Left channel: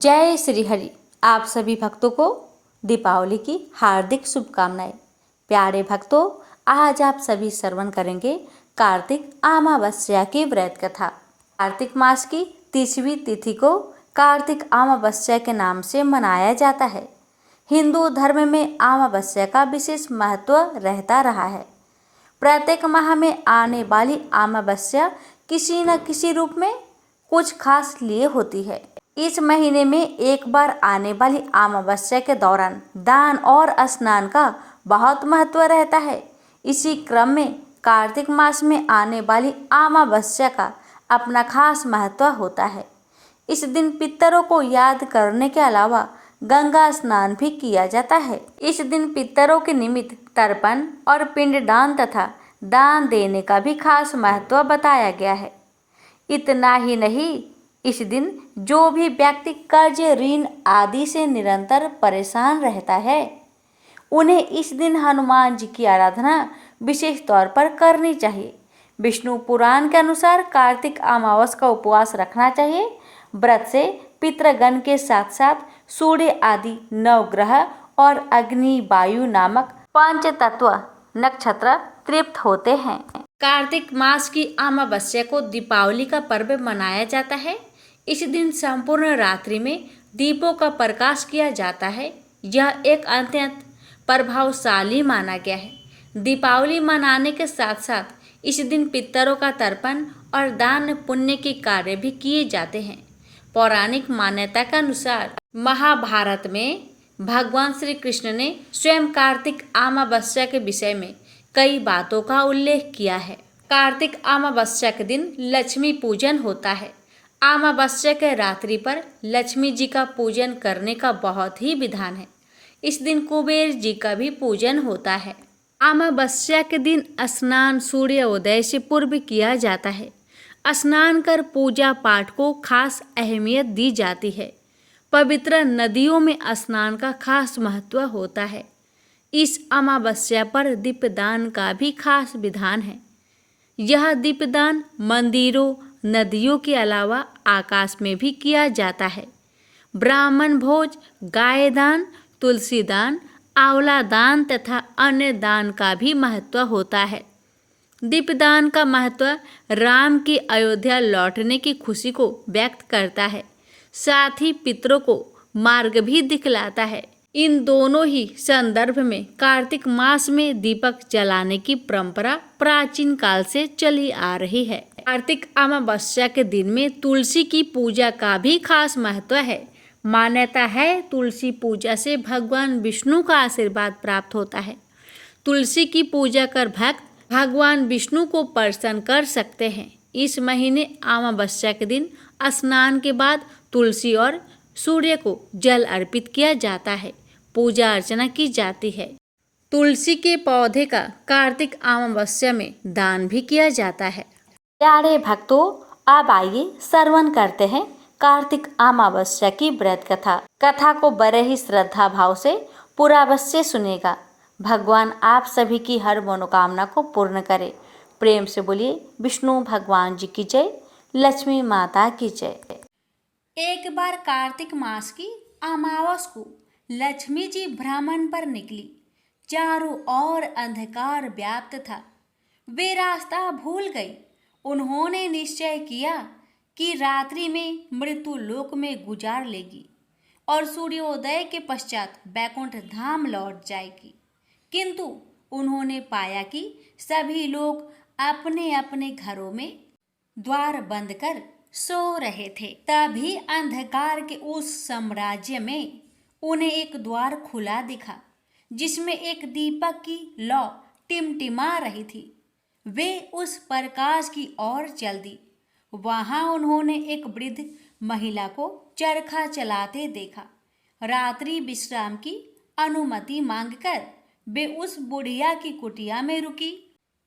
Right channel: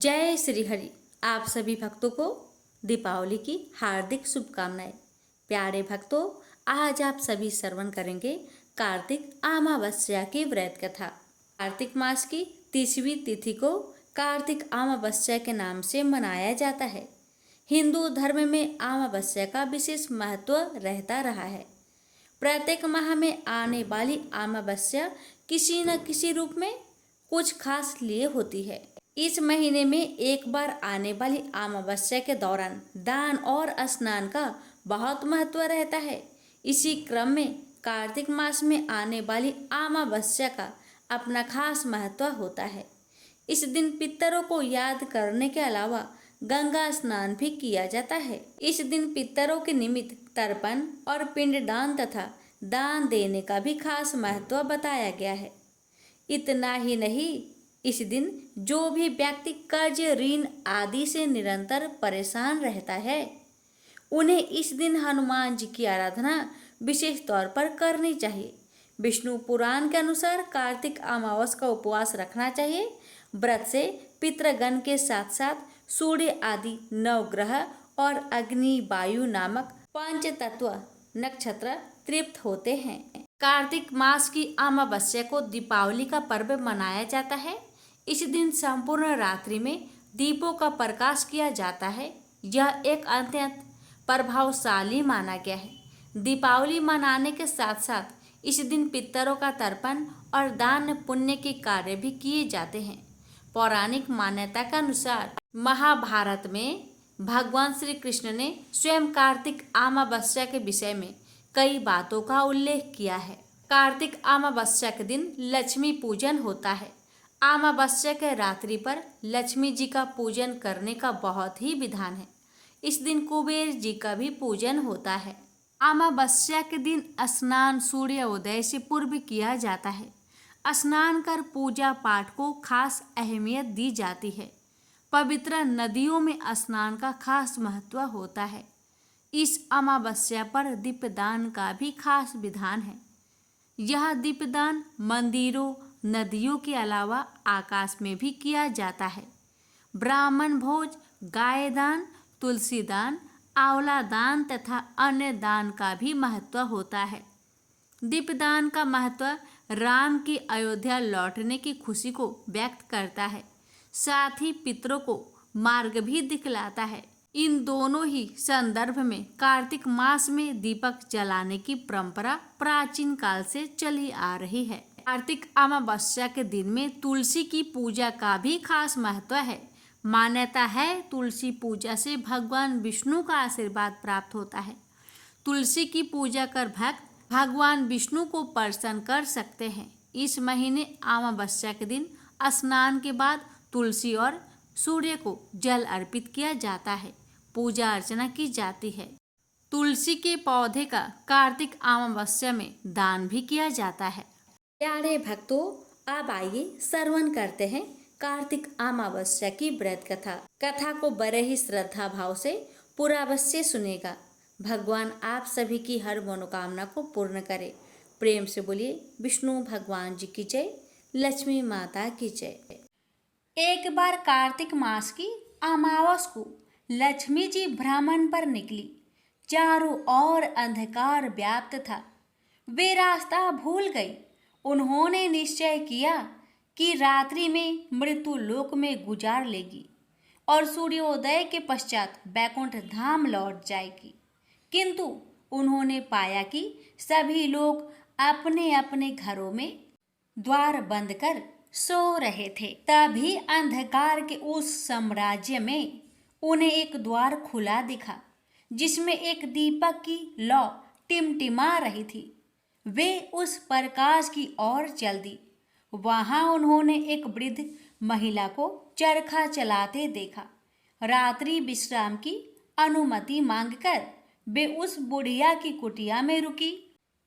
जय श्री हरि। आप सभी भक्तों को दीपावली की हार्दिक शुभकामनाएं। प्यारे भक्तों, आज आप सभी श्रवण करेंगे कार्तिक अमावस्या की व्रत कथा। कार्तिक मास की 30वीं तिथि को कार्तिक अमावस्या के नाम से मनाया जाता है। हिंदू धर्म में अमावस्या का विशेष महत्व रहता रहा है। प्रत्येक माह में आने वाली अमावस्या किसी न किसी रूप में कुछ खास लिए होती है। इस महीने में एक बार आने वाली अमावस्या के दौरान दान और स्नान का बहुत महत्व रहता है। इसी क्रम में कार्तिक मास में आने वाली अमावस्या का अपना खास महत्व होता है। इस दिन पितरों को याद करने के अलावा गंगा स्नान भी किया जाता है। इस दिन पितरों के निमित्त तर्पण और पिंडदान तथा दान देने का भी खास महत्व बताया गया है। इतना ही नहीं, इस दिन जो भी व्यक्ति कर्ज, ऋण आदि से निरंतर परेशान रहता है, उन्हें इस दिन हनुमान जी की आराधना विशेष तौर पर करनी चाहिए। विष्णु पुराण के अनुसार कार्तिक अमावस का उपवास रखना चाहिए। व्रत से पितृगण के साथ साथ सूर्य आदि नवग्रह और अग्नि, वायु नामक पंच तत्व नक्षत्र तृप्त होते हैं। कार्तिक मास की अमावस्या को दीपावली का पर्व मनाया जाता है। इस दिन संपूर्ण रात्रि में दीपों का प्रकाश किया जाता है। यह एक अत्यंत प्रभावशाली माना गया है। दीपावली मनाने के साथ साथ इस दिन पितरों का तर्पण और दान पुण्य के कार्य भी किए जाते हैं। पौराणिक मान्यता के अनुसार महाभारत में भगवान श्री कृष्ण ने स्वयं कार्तिक अमावस्या के विषय में कई बातों का उल्लेख किया है। कार्तिक अमावस्या के दिन लक्ष्मी पूजन होता है। अमावस्या के रात्रि पर लक्ष्मी जी का पूजन करने का बहुत ही विधान है। इस दिन कुबेर जी का भी पूजन होता है। अमावस्या के दिन स्नान सूर्योदय से पूर्व किया जाता है। स्नान कर पूजा पाठ को खास अहमियत दी जाती है। पवित्र नदियों में स्नान का खास महत्व होता है। इस अमावस्या पर दीपदान का भी खास विधान है। यह दीपदान मंदिरों, नदियों के अलावा आकाश में भी किया जाता है। ब्राह्मण भोज, गाय दान, तुलसी दान, आंवला दान तथा अन्य दान का भी महत्व होता है। दीपदान का महत्व राम की अयोध्या लौटने की खुशी को व्यक्त करता है, साथ ही पितरों को मार्ग भी दिखलाता है। इन दोनों ही संदर्भ में कार्तिक मास में दीपक जलाने की परंपरा प्राचीन काल से चली आ रही है। कार्तिक अमावस्या के दिन में तुलसी की पूजा का भी खास महत्व है। मान्यता है तुलसी पूजा से भगवान विष्णु का आशीर्वाद प्राप्त होता है। तुलसी की पूजा कर भक्त भगवान विष्णु को प्रसन्न कर सकते हैं। इस महीने अमावस्या के दिन स्नान के बाद तुलसी और सूर्य को जल अर्पित किया जाता है, पूजा अर्चना की जाती है। तुलसी के पौधे का कार्तिक अमावस्या में दान भी किया जाता है। प्यारे भक्तों, अब आइए श्रवण करते हैं कार्तिक अमावस्या की व्रत कथा को बड़े ही श्रद्धा भाव से पूरा अवश्य सुनेगा। भगवान आप सभी की हर मनोकामना को पूर्ण करे। प्रेम से बोलिए विष्णु भगवान जी की जय, लक्ष्मी माता की जय। एक बार कार्तिक मास की अमावस को लक्ष्मी जी भ्रमण पर निकली। चारों ओर अंधकार व्याप्त था। वे रास्ता भूल गई। उन्होंने निश्चय किया कि रात्रि में मृत्यु लोक में गुजार लेगी और सूर्योदय के पश्चात बैकुंठ धाम लौट जाएगी। किंतु उन्होंने पाया कि सभी लोग अपने अपने घरों में द्वार बंद कर सो रहे थे। तभी अंधकार के उस साम्राज्य में उन्हें एक द्वार खुला दिखा, जिसमें एक दीपक की लौ टिमटिमा रही थी। वे उस प्रकाश की ओर चल दी। वहां उन्होंने एक वृद्ध महिला को चरखा चलाते देखा। रात्रि विश्राम की अनुमति मांगकर वे उस बुढ़िया की कुटिया में रुकी।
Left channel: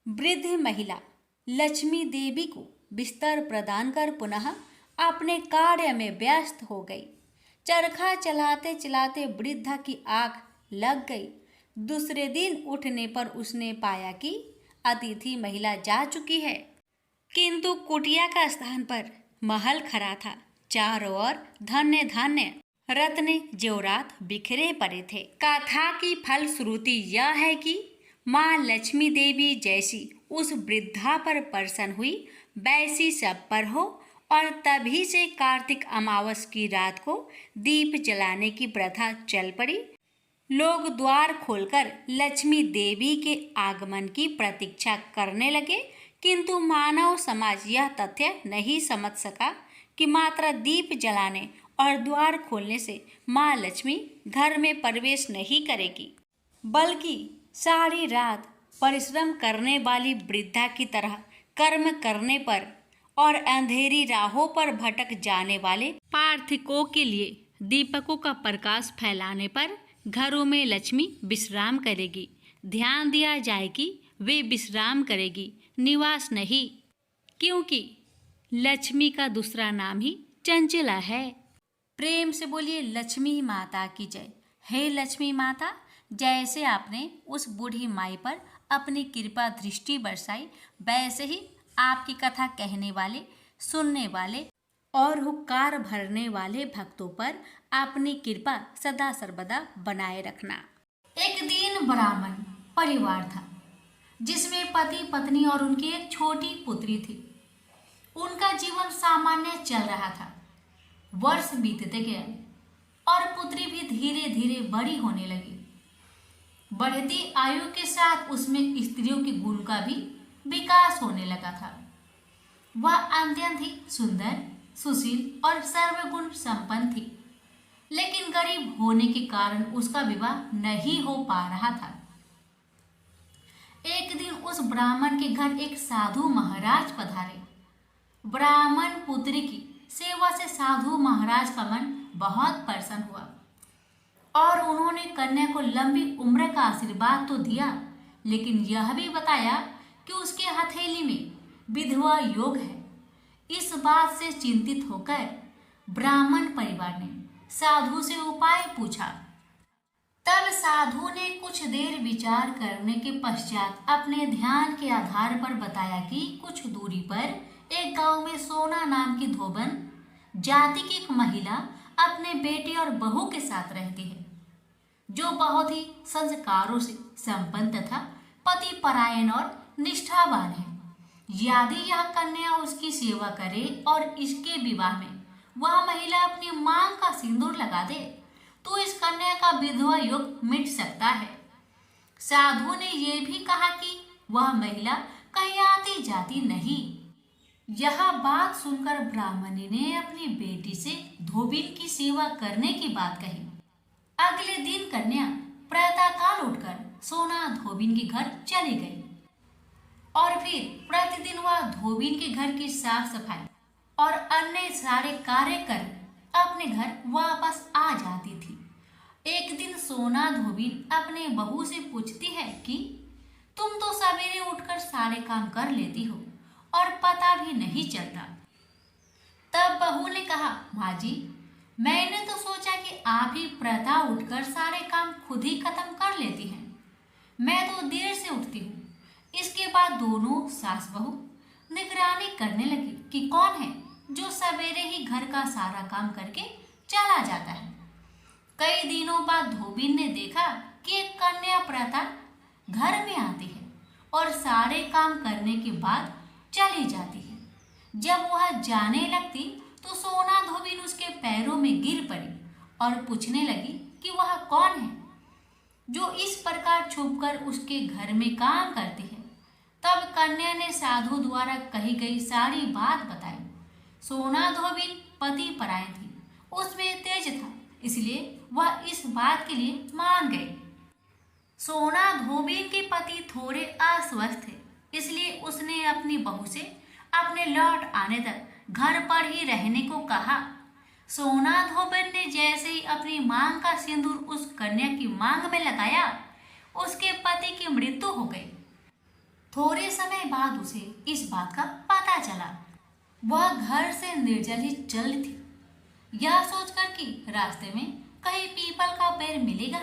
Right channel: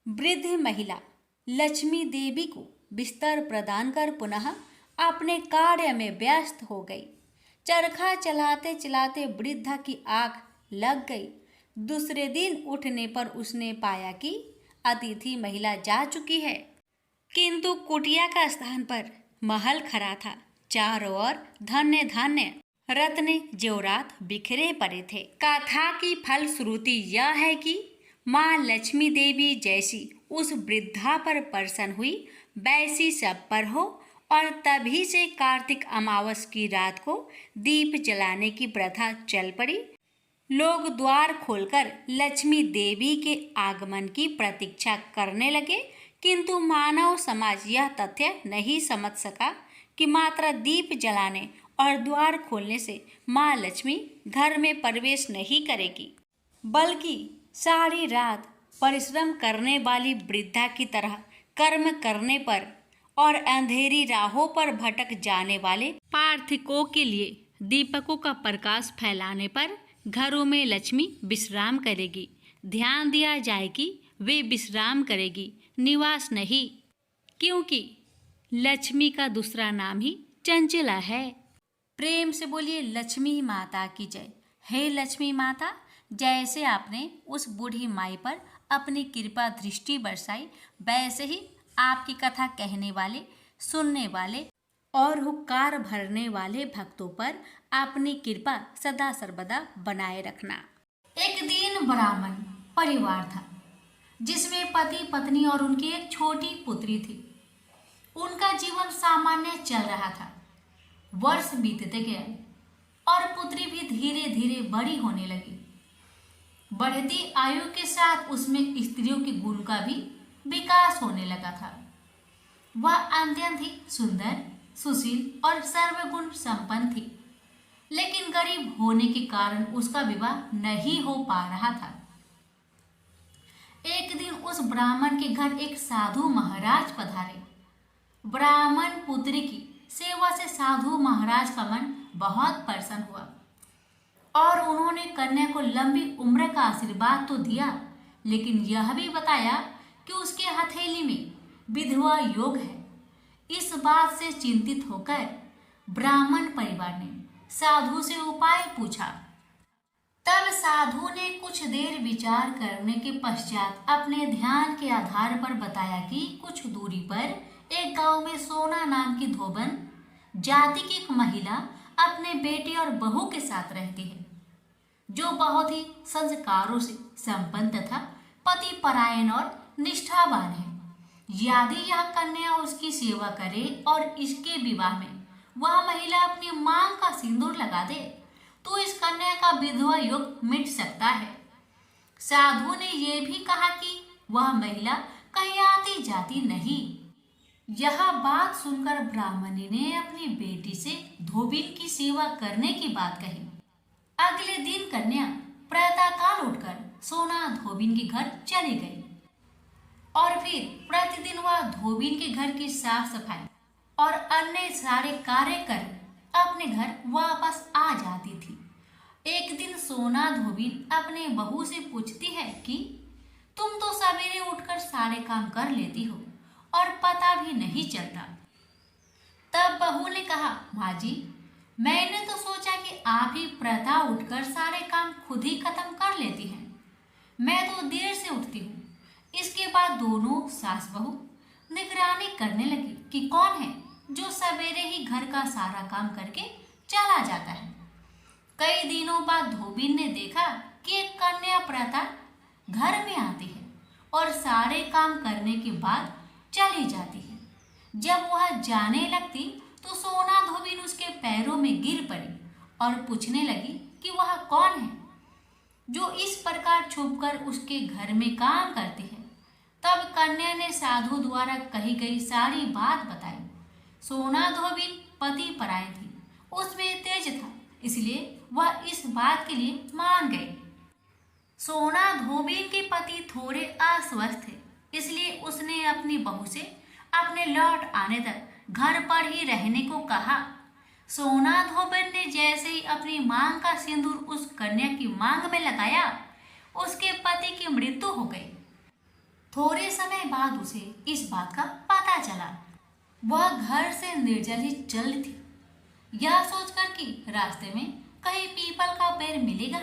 वृद्ध महिला लक्ष्मी देवी को बिस्तर प्रदान कर पुनः अपने कार्य में व्यस्त हो गई। चरखा चलाते चलाते वृद्धा की आंख लग गई। दूसरे दिन उठने पर उसने पाया कि अतिथि महिला जा चुकी है, किंतु कुटिया का स्थान पर महल खड़ा था। चारों ओर धन्य धन्य रत्न जेवरात बिखरे पड़े थे। कथा की फलश्रुति यह है कि माँ लक्ष्मी देवी जैसी उस वृद्धा पर प्रसन्न हुई वैसी सब पर हो, और तभी से कार्तिक अमावस की रात को दीप जलाने की प्रथा चल पड़ी। लोग द्वार खोलकर लक्ष्मी देवी के आगमन की प्रतीक्षा करने लगे, किंतु मानव समाज यह तथ्य नहीं समझ सका कि मात्र दीप जलाने और द्वार खोलने से माँ लक्ष्मी घर में प्रवेश नहीं करेगी, बल्कि सारी रात परिश्रम करने वाली वृद्धा की तरह कर्म करने पर और अंधेरी राहों पर भटक जाने वाले पार्थिकों के लिए दीपकों का प्रकाश फैलाने पर घरों में लक्ष्मी विश्राम करेगी। ध्यान दिया जाए कि वे विश्राम करेगी, निवास नहीं, क्योंकि लक्ष्मी का दूसरा नाम ही चंचला है। प्रेम से बोलिए लक्ष्मी माता की जय। हे लक्ष्मी माता, जैसे आपने उस बूढ़ी माई पर अपनी कृपा दृष्टि बरसाई, वैसे ही आपकी कथा कहने वाले, सुनने वाले और हुक्कार भरने वाले भक्तों पर अपनी कृपा सदा सर्वदा बनाए रखना। एक दिन ब्राह्मण परिवार था जिसमें पति पत्नी और उनकी एक छोटी पुत्री थी। उनका जीवन सामान्य चल रहा था। वर्ष बीतते गए और पुत्री भी धीरे धीरे बड़ी होने लगी। बढ़ती आयु के साथ उसमें स्त्रियों के गुण का भी विकास होने लगा था। वह अत्यंत ही सुंदर, सुशील और सर्वगुण संपन्न थी, लेकिन गरीब होने के कारण उसका विवाह नहीं हो पा रहा था। एक दिन उस ब्राह्मण के घर एक साधु महाराज पधारे। ब्राह्मण पुत्री की सेवा से साधु महाराज का मन बहुत प्रसन्न हुआ और उन्होंने कन्या को लंबी उम्र का आशीर्वाद तो दिया, लेकिन यह भी बताया कि उसके हथेली में विधवा योग है। इस बात से चिंतित होकर ब्राह्मण परिवार ने साधु से उपाय पूछा। तब साधु ने कुछ देर विचार करने के पश्चात अपने ध्यान के आधार पर बताया कि कुछ दूरी पर एक गांव में सोना नाम की धोबन जाति की एक महिला अपने बेटे और बहू के साथ रहती है, जो बहुत ही संस्कारों से संपन्न तथा पति परायण और निष्ठावान है। यदि यह कन्या उसकी सेवा करे और इसके विवाह में वह महिला अपनी मांग का सिंदूर लगा दे, तो इस कन्या का विधवा योग मिट सकता है। साधु ने यह भी कहा कि वह महिला कहीं आती जाती नहीं। यह बात सुनकर ब्राह्मणी ने अपनी बेटी से धोबिन की सेवा करने की बात कही। अगले दिन कन्या प्रातःकाल उठकर सोना धोबिन के घर चली गई और फिर प्रतिदिन वह धोबिन के घर की साफ सफाई और अन्य सारे कार्य कर अपने घर वापस आ जाती थी। एक दिन सोना धोबिन अपने बहू से पूछती है कि तुम तो सवेरे उठकर सारे काम कर लेती हो और पता भी नहीं चलता। तब बहू ने कहा, माँ जी, मैंने तो सोचा कि आप ही प्रातः उठकर सारे काम खुद ही खत्म कर लेती हैं। मैं तो देर से उठती हूँ। इसके बाद दोनों सास बहू निगरानी करने लगी कि कौन है जो सवेरे ही घर का सारा काम करके चला जाता है। कई दिनों बाद धोबिन ने देखा कि एक कन्या प्रातः घर में आती है और सारे काम करने के बाद चली जाती है। जब वह जाने लगती तो सोना धोबिन उसके पैरों में गिर पड़ी और पूछने लगी कि वह कौन है जो इस प्रकार छुपकर उसके घर में काम करती है। तब कन्या ने साधु द्वारा कही गई सारी बात बताई। सोना धोबिन पति परायण थी, उसमें तेज था, इसलिए वह इस बात के लिए मान गई। सोना धोबिन के पति थोड़े अस्वस्थ थे, इसलिए उसने अपनी बहू से अपने लौट आने तक घर पर ही रहने को कहा। सोना धोबिन ने जैसे ही अपनी मांग का सिंदूर उस कन्या की मांग में लगाया, उसके पति की मृत्यु हो गई। थोड़े समय बाद उसे इस बात का पता चला। वह घर से निर्जल ही चल थी, यह सोचकर कि रास्ते में कहीं पीपल का पेड़ मिलेगा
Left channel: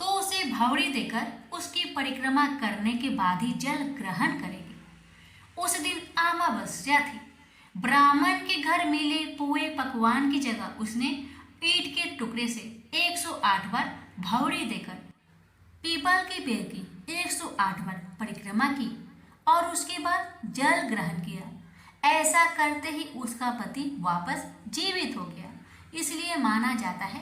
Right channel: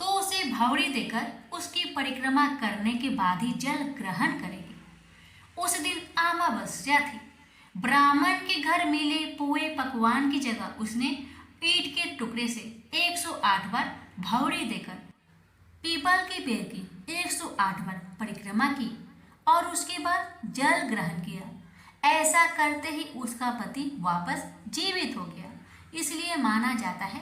तो उसे भावड़ी देकर उसकी परिक्रमा करने के बाद ही जल ग्रहण करेगी। उस दिन अमावस्या थी। ब्राह्मण के घर मिले पुए पकवान की जगह उसने ईंट के टुकड़े से 108 बार भौरी देकर पीपल के पेड़ की 108 बार परिक्रमा की और उसके बाद जल ग्रहण किया। ऐसा करते ही उसका पति वापस जीवित हो गया। इसलिए माना जाता है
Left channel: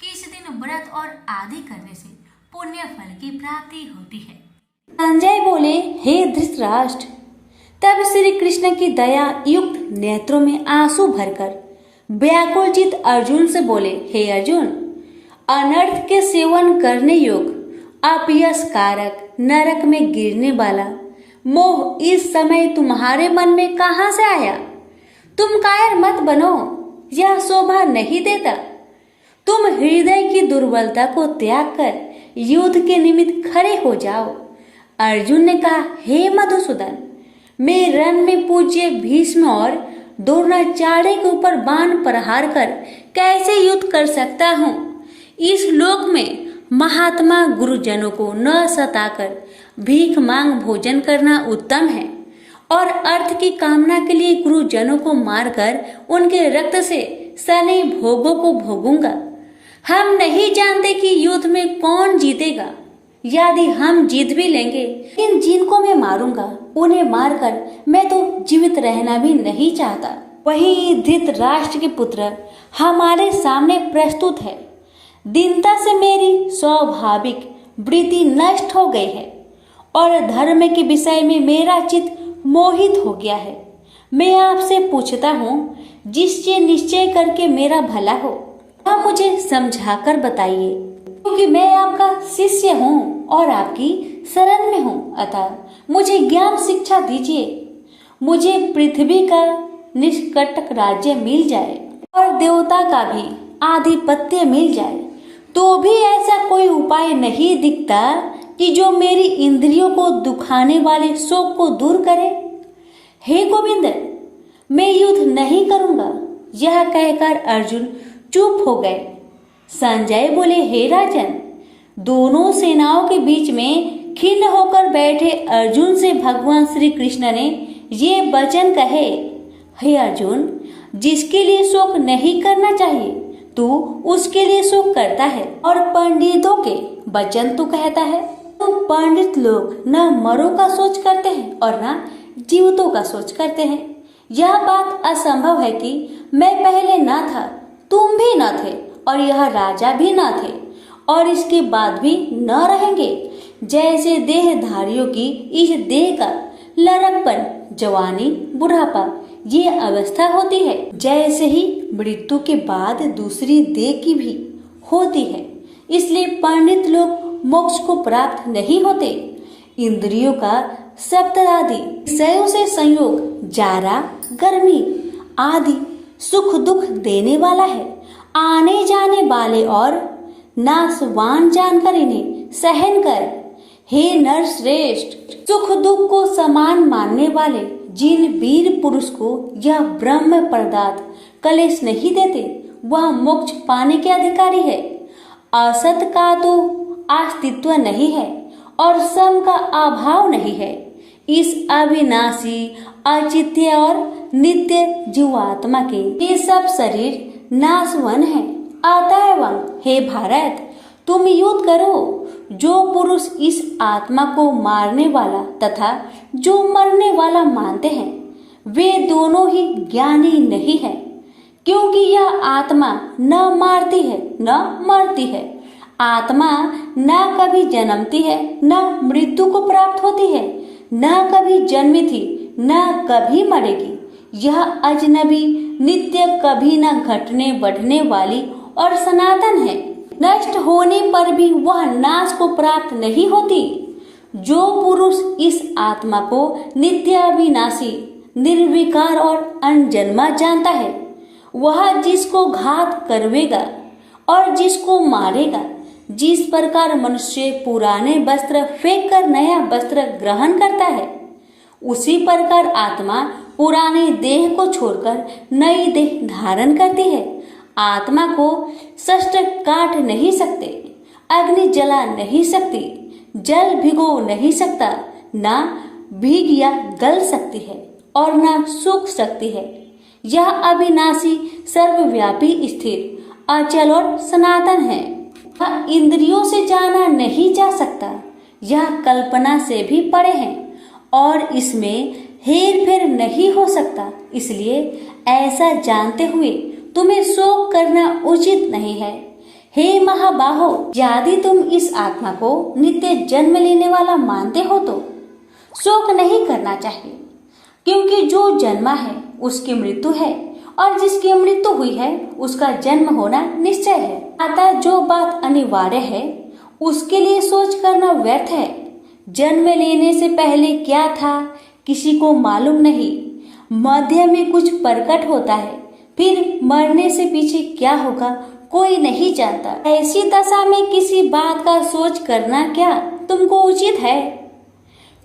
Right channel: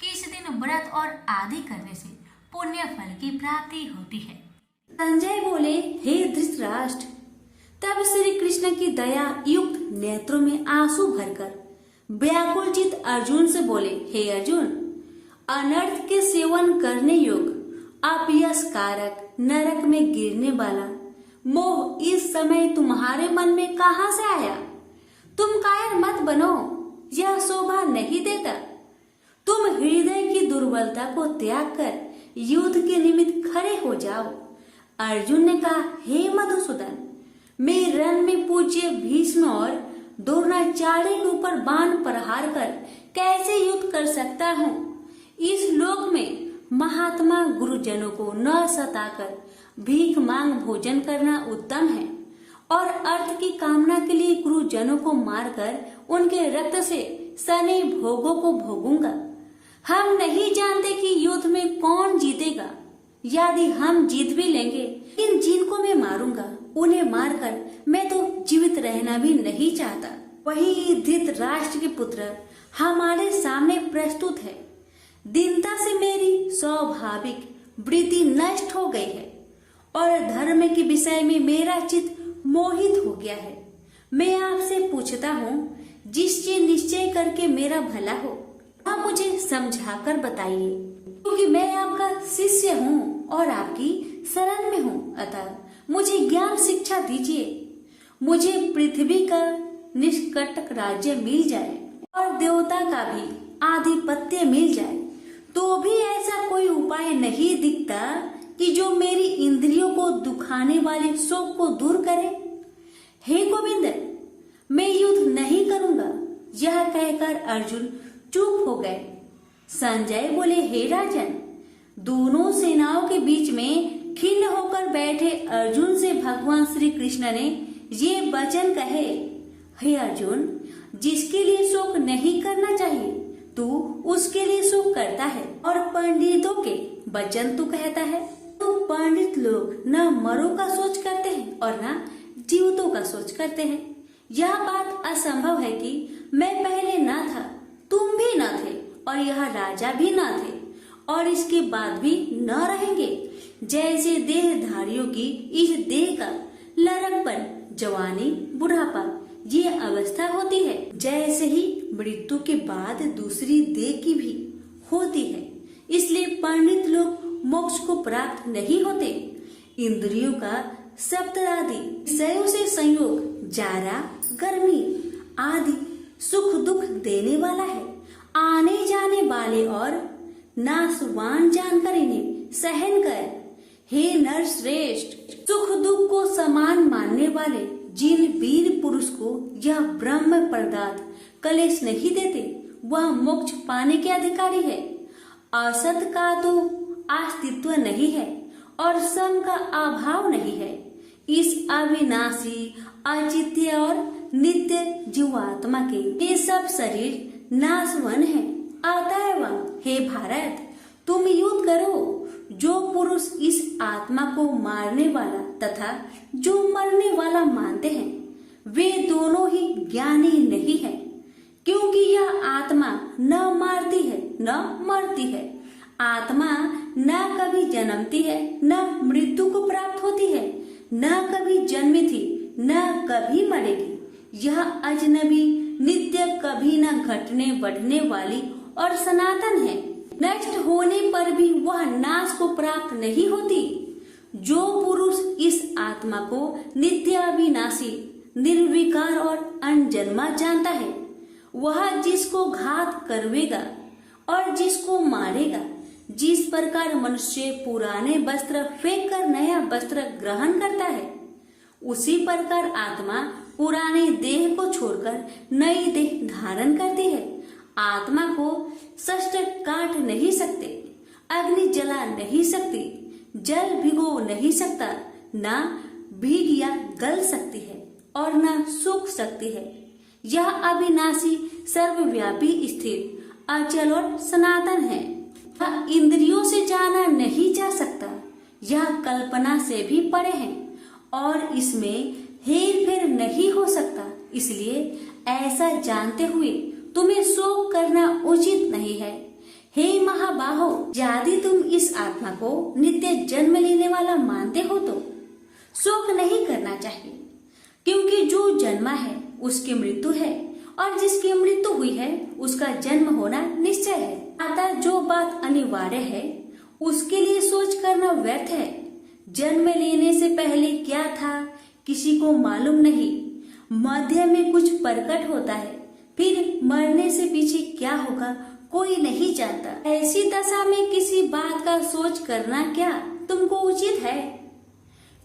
कि इस दिन व्रत और आदि करने से पुण्य फल की प्राप्ति होती है। संजय बोले, हे धृतराष्ट्र। तब श्री कृष्ण की दया युक्त नेत्रों में आंसू भरकर व्याकुलचित अर्जुन से बोले, हे अर्जुन, अनर्थ के सेवन करने योग्य अपयश कारक नरक में गिरने वाला मोह इस समय तुम्हारे मन में कहां से आया? तुम कायर मत बनो, यह शोभा नहीं देता। तुम हृदय की दुर्बलता को त्याग कर युद्ध के निमित्त खड़े हो जाओ। अर्जुन ने कहा, हे मधुसूदन, मैं रण में पूज्य भीष्म और द्रोणाचार्य के ऊपर बाण प्रहार कर कैसे युद्ध कर सकता हूँ? इस लोक में महात्मा गुरुजनों को न सताकर भीख मांग भोजन करना उत्तम है और अर्थ की कामना के लिए गुरुजनों को मारकर उनके रक्त से सने भोगों को भोगूंगा। हम नहीं जानते कि युद्ध में कौन जीतेगा। यदि हम जीत भी लेंगे, लेकिन जिनको मैं मारूंगा उन्हें मारकर मैं तो जीवित रहना भी नहीं चाहता। वही धृतराष्ट्र के पुत्र हमारे सामने प्रस्तुत है। दीनता से मेरी स्वाभाविक वृत्ति नष्ट हो गई है और धर्म के विषय में मेरा चित्त मोहित हो गया है। मैं आपसे पूछता हूँ, जिससे निश्चय करके मेरा भला हो वह मुझे समझाकर बताइए, क्योंकि मैं आपका शिष्य हूँ और आपकी शरण में हूँ। अतः मुझे ज्ञान शिक्षा दीजिए। मुझे पृथ्वी का निष्कंटक राज्य मिल जाए और देवता का भी आधिपत्य मिल जाए, तो भी ऐसा कोई उपाय नहीं दिखता कि जो मेरी इंद्रियों को दुखाने वाले शोक को दूर करे। हे गोविंद, मैं युद्ध नहीं करूंगा। यह कहकर अर्जुन चुप हो गए। संजय बोले, हे राजन, दोनों सेनाओं के बीच में खिन्न होकर बैठे अर्जुन से भगवान श्री कृष्ण ने ये वचन कहे, हे अर्जुन, जिसके लिए शोक नहीं करना चाहिए तू उसके लिए शोक करता है और पंडितों के वचन तू कहता है। तो पंडित लोग न मरों का सोच करते हैं और न जीवितों का सोच करते हैं। यह बात असंभव है कि मैं पहले न था, तुम भी न थे और यह राजा भी न थे और इसके बाद भी न रहेंगे। जैसे देहधारियों की इस देह का लड़कपन, जवानी, बुढ़ापा ये अवस्था होती है, जैसे ही मृत्यु के बाद दूसरी देह की भी होती है। इसलिए पंडित लोग मोक्ष को प्राप्त नहीं होते। इंद्रियों का सप्तरादि विषयों से संयोग जारा, गर्मी आदि सुख दुख देने वाला है। आने जाने वाले और नाशवान जानकर इन्हें सहन कर। हे नर श्रेष्ठ, सुख दुख को समान मानने वाले जिन वीर पुरुष को यह ब्रह्म पदार्थ कलेश नहीं देते, वह मोक्ष पाने के अधिकारी है। असत का तो अस्तित्व नहीं है और सम का अभाव नहीं है। इस अविनाशी, अचित्य और नित्य जीवात्मा के ये सब शरीर नाशवन है। अतएव हे भारत, तुम युद्ध करो। जो पुरुष इस आत्मा को मारने वाला तथा जो मरने वाला मानते हैं, वे दोनों ही ज्ञानी नहीं है, क्योंकि यह आत्मा न मारती है न मरती है। आत्मा न कभी जन्मती है न मृत्यु को प्राप्त होती है, न कभी जन्मी थी न कभी मरेगी। यह अजनबी, नित्य, कभी न घटने बढ़ने वाली और सनातन है। नष्ट होने पर भी वह नाश को प्राप्त नहीं होती। जो पुरुष इस आत्मा को नित्य, अविनाशी, निर्विकार और अनजन्मा जानता है, वह जिसको घात करवेगा और जिसको मारेगा, जिस प्रकार मनुष्य पुराने वस्त्र फेंक कर नया वस्त्र ग्रहण करता है, उसी प्रकार आत्मा पुराने देह को छोड़कर नई देह धारण करती है। आत्मा को शस्त्र काट नहीं सकते, अग्नि जला नहीं सकती, जल भिगो नहीं सकता, ना भीग या गल सकती है और ना सूख सकती है। यह अविनाशी, सर्वव्यापी, स्थिर, अचल और सनातन है। यह इंद्रियों से जाना नहीं जा सकता, यह कल्पना से भी परे है और इसमें हेर फेर नहीं हो सकता। इसलिए ऐसा जानते हुए तुम्हें शोक करना उचित नहीं है। हे महाबाहो, यदि तुम इस आत्मा को नित्य जन्म लेने वाला मानते हो तो शोक नहीं करना चाहिए, क्योंकि जो जन्मा है उसकी मृत्यु है और जिसकी मृत्यु हुई है उसका जन्म होना निश्चय है। अतः जो बात अनिवार्य है उसके लिए सोच करना व्यर्थ है। जन्म लेने से पहले क्या था किसी को मालूम नहीं, मध्य में कुछ प्रकट होता है, फिर मरने से पीछे क्या होगा कोई नहीं जानता। ऐसी दशा में किसी बात का सोच करना क्या तुमको उचित है?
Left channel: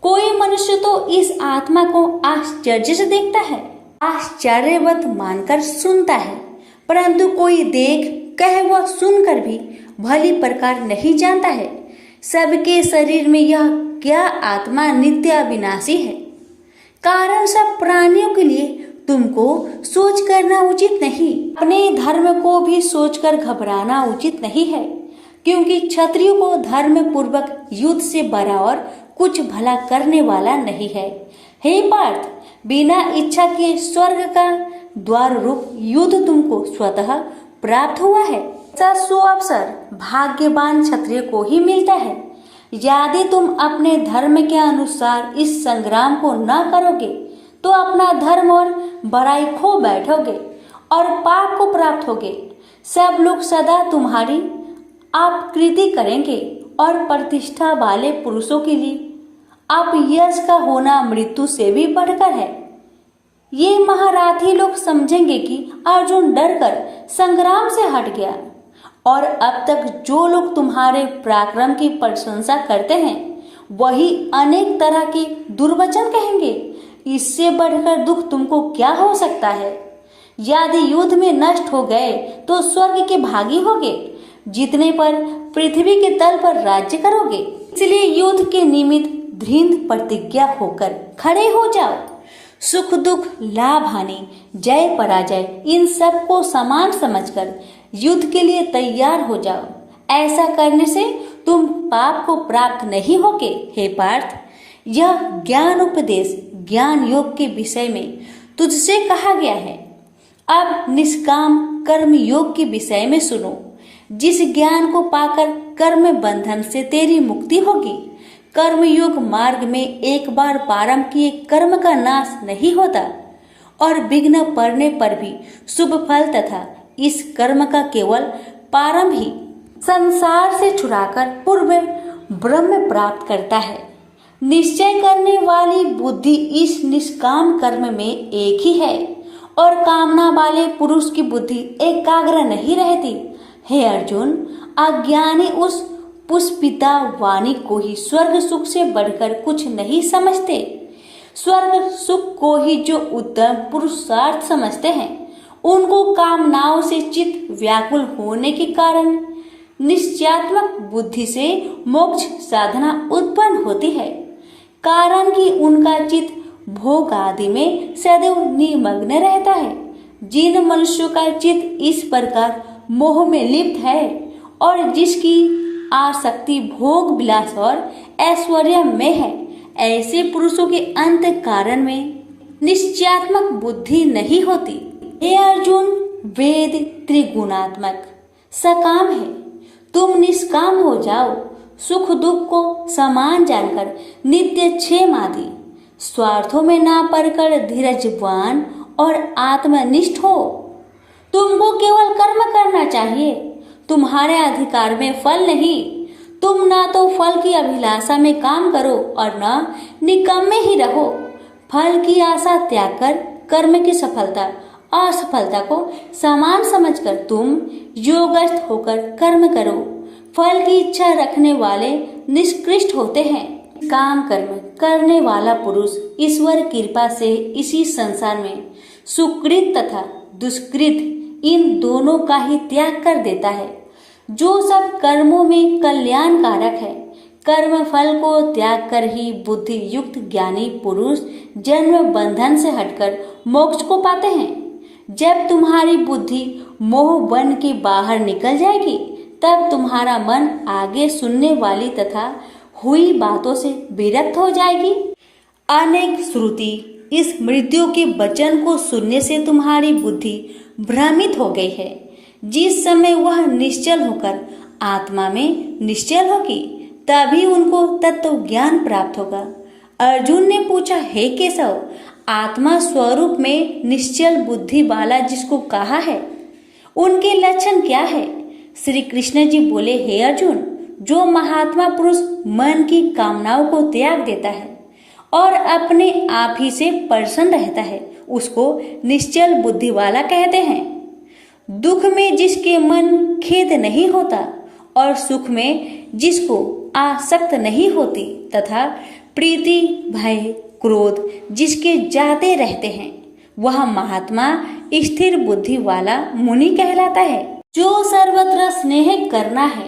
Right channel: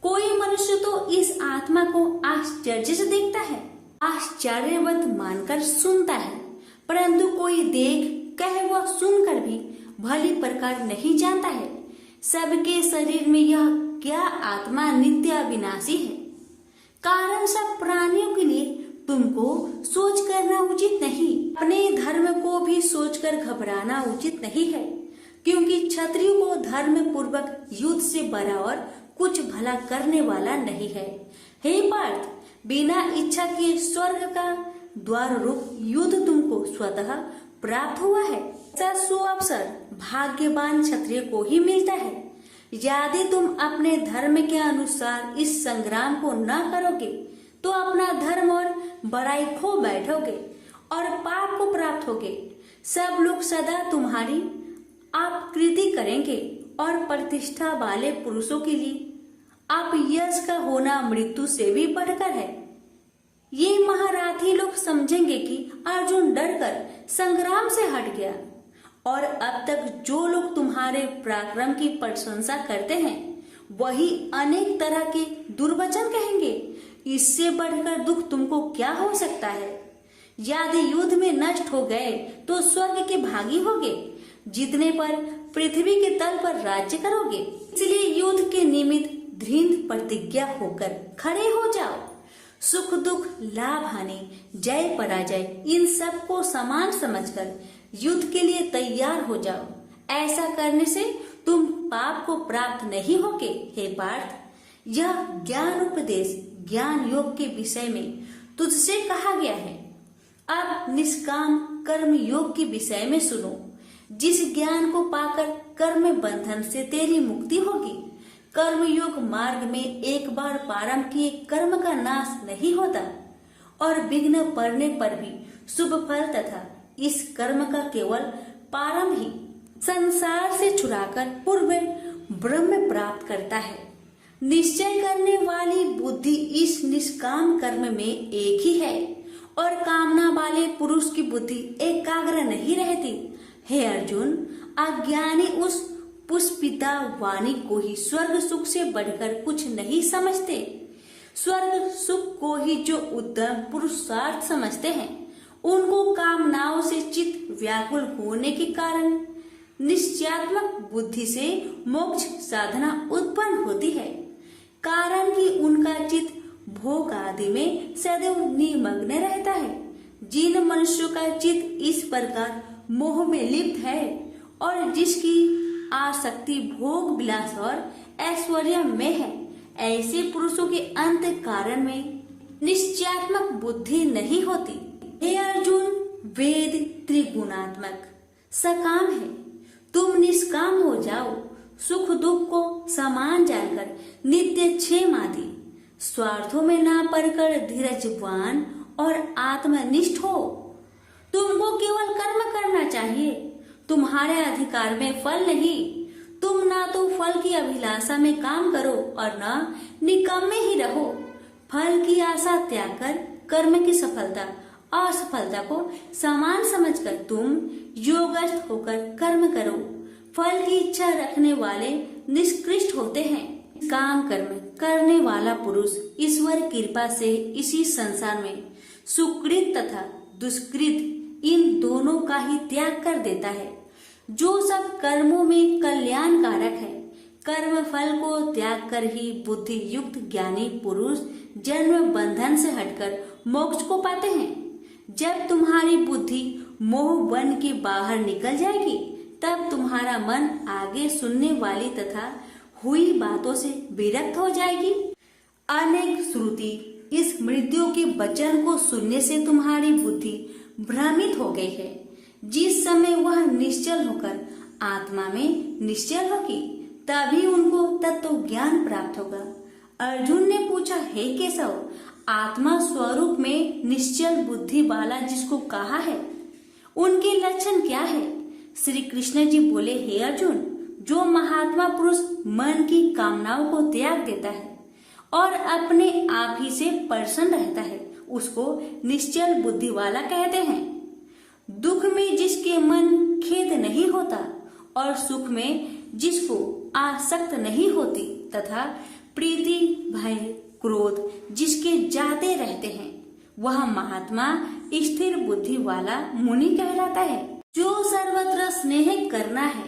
कोई मनुष्य तो इस आत्मा को आश्चर्य से देखता है, आश्चर्यवत मानकर सुनता है, परंतु कोई देख कह व सुनकर भी भली प्रकार नहीं जानता है सबके शरीर में यह क्या आत्मा नित्य अविनाशी है। कारण सब प्राणियों के लिए तुमको सोच करना उचित नहीं। अपने धर्म को भी सोचकर घबराना उचित नहीं है, क्योंकि क्षत्रियो को धर्म पूर्वक युद्ध से बड़ा और कुछ भला करने वाला नहीं है। हे पार्थ, बिना इच्छा के स्वर्ग का द्वार रूप युद्ध तुमको स्वतः प्राप्त हुआ है। ऐसा सुअवसर भाग्यवान क्षत्रिय को ही मिलता है। यदि तुम अपने धर्म के अनुसार इस संग्राम को न करोगे तो अपना धर्म और बड़ाई खो बैठोगे और पाप को प्राप्त होगे। सब लोग सदा तुम्हारी अपकृति करेंगे और प्रतिष्ठा वाले पुरुषों के लिए अपयश का होना मृत्यु से भी बढ़कर है। ये महारथी लोग समझेंगे कि अर्जुन डरकर संग्राम से हट गया, और अब तक जो लोग तुम्हारे पराक्रम की प्रशंसा करते हैं वही अनेक तरह के दुर्वचन कहेंगे। इससे बढ़कर दुख तुमको क्या हो सकता है? यदि युद्ध में नष्ट हो गए तो स्वर्ग के भागी होगे, जीतने पर पृथ्वी के तल पर राज्य करोगे। इसलिए युद्ध के निमित्त दृढ़ प्रतिज्ञा होकर खड़े हो जाओ। सुख दुख, लाभ हानि, जय पराजय, इन सब को समान समझकर युद्ध के लिए तैयार हो जाओ। ऐसा करने से तुम पाप को प्राप्त नहीं होगे। हे पार्थ, यह ज्ञान उपदेश ज्ञान योग के विषय में तुझसे कहा गया है। अब निष्काम कर्म योग के विषय में सुनो। जिस ज्ञान को पाकर कर्म बंधन से तेरी मुक्ति होगी। कर्म योग मार्ग में एक बार प्रारंभ किए कर्म का नाश नहीं होता और विघ्न पड़ने पर भी शुभ फल तथा इस कर्म का केवल प्रारंभ ही संसार से छुड़ाकर पूर्व ब्रह्म प्राप्त करता है। निश्चय करने वाली बुद्धि इस निष्काम कर्म में एक ही है और कामना वाले पुरुष की बुद्धि एकाग्र नहीं रहती। हे अर्जुन, अज्ञानी उस पुष्पिता वाणी को ही स्वर्ग सुख से बढ़कर कुछ नहीं समझते। स्वर्ग सुख को ही जो उत्तम पुरुषार्थ समझते हैं, उनको कामनाओं से चित्त व्याकुल होने के कारण निश्चयात्मक बुद्धि से मोक्ष साधना उत्पन्न होती है। कारण कि उनका चित्त भोग आदि में सदैव निमग्न रहता है। जिन मनुष्यों का चित्त इस प्रकार मोह में लिप्त है और जिसकी आसक्ति भोग विलास और ऐश्वर्य में है, ऐसे पुरुषों के अंत कारण में निश्चयात्मक बुद्धि नहीं होती। हे अर्जुन, वेद त्रिगुणात्मक सकाम है, तुम निष्काम हो जाओ। सुख दुख को समान जानकर नित्य क्षेम आदि स्वार्थों में ना पड़कर धीरजवान और आत्मनिष्ठ हो। तुमको केवल कर्म करना चाहिए, तुम्हारे अधिकार में फल नहीं। तुम ना तो फल की अभिलाषा में काम करो और न निकम्मे ही रहो। फल की आशा त्याग कर कर्म की सफलता असफलता को समान समझकर तुम योगस्थ होकर कर्म करो। फल की इच्छा रखने वाले निष्कृष्ट होते हैं। काम कर्म करने वाला पुरुष ईश्वर कृपा से इसी संसार में सुकृत तथा दुष्कृत इन दोनों का ही त्याग कर देता है। जो सब कर्मों में कल्याणकारक है, कर्म फल को त्याग कर ही बुद्धि युक्त ज्ञानी पुरुष जन्म बंधन से हटकर मोक्ष को पाते हैं। जब तुम्हारी बुद्धि मोह बन के बाहर निकल जाएगी, तब तुम्हारा मन आगे सुनने वाली तथा हुई बातों से विरक्त हो जाएगी। अनेक श्रुति इस मृत्यु के वचन को सुनने से तुम्हारी बुद्धि भ्रमित हो गई है। जिस समय वह निश्चल होकर आत्मा में निश्चल होगी, तभी उनको तत्व ज्ञान प्राप्त होगा। अर्जुन ने पूछा, हे केशव, आत्मा स्वरूप में निश्चल बुद्धि वाला जिसको कहा है, उनके लक्षण क्या है? श्री कृष्ण जी बोले, हे अर्जुन, जो महात्मा पुरुष मन की कामनाओं को त्याग देता है और अपने आप ही से प्रसन्न रहता है, उसको निश्चल बुद्धि वाला कहते हैं। दुख में जिसके मन खेद नहीं होता और सुख में जिसको आसक्त नहीं होती तथा प्रीति भय क्रोध जिसके जाते रहते हैं, वह महात्मा स्थिर बुद्धि वाला मुनि कहलाता है। जो सर्वत्र स्नेह करना है,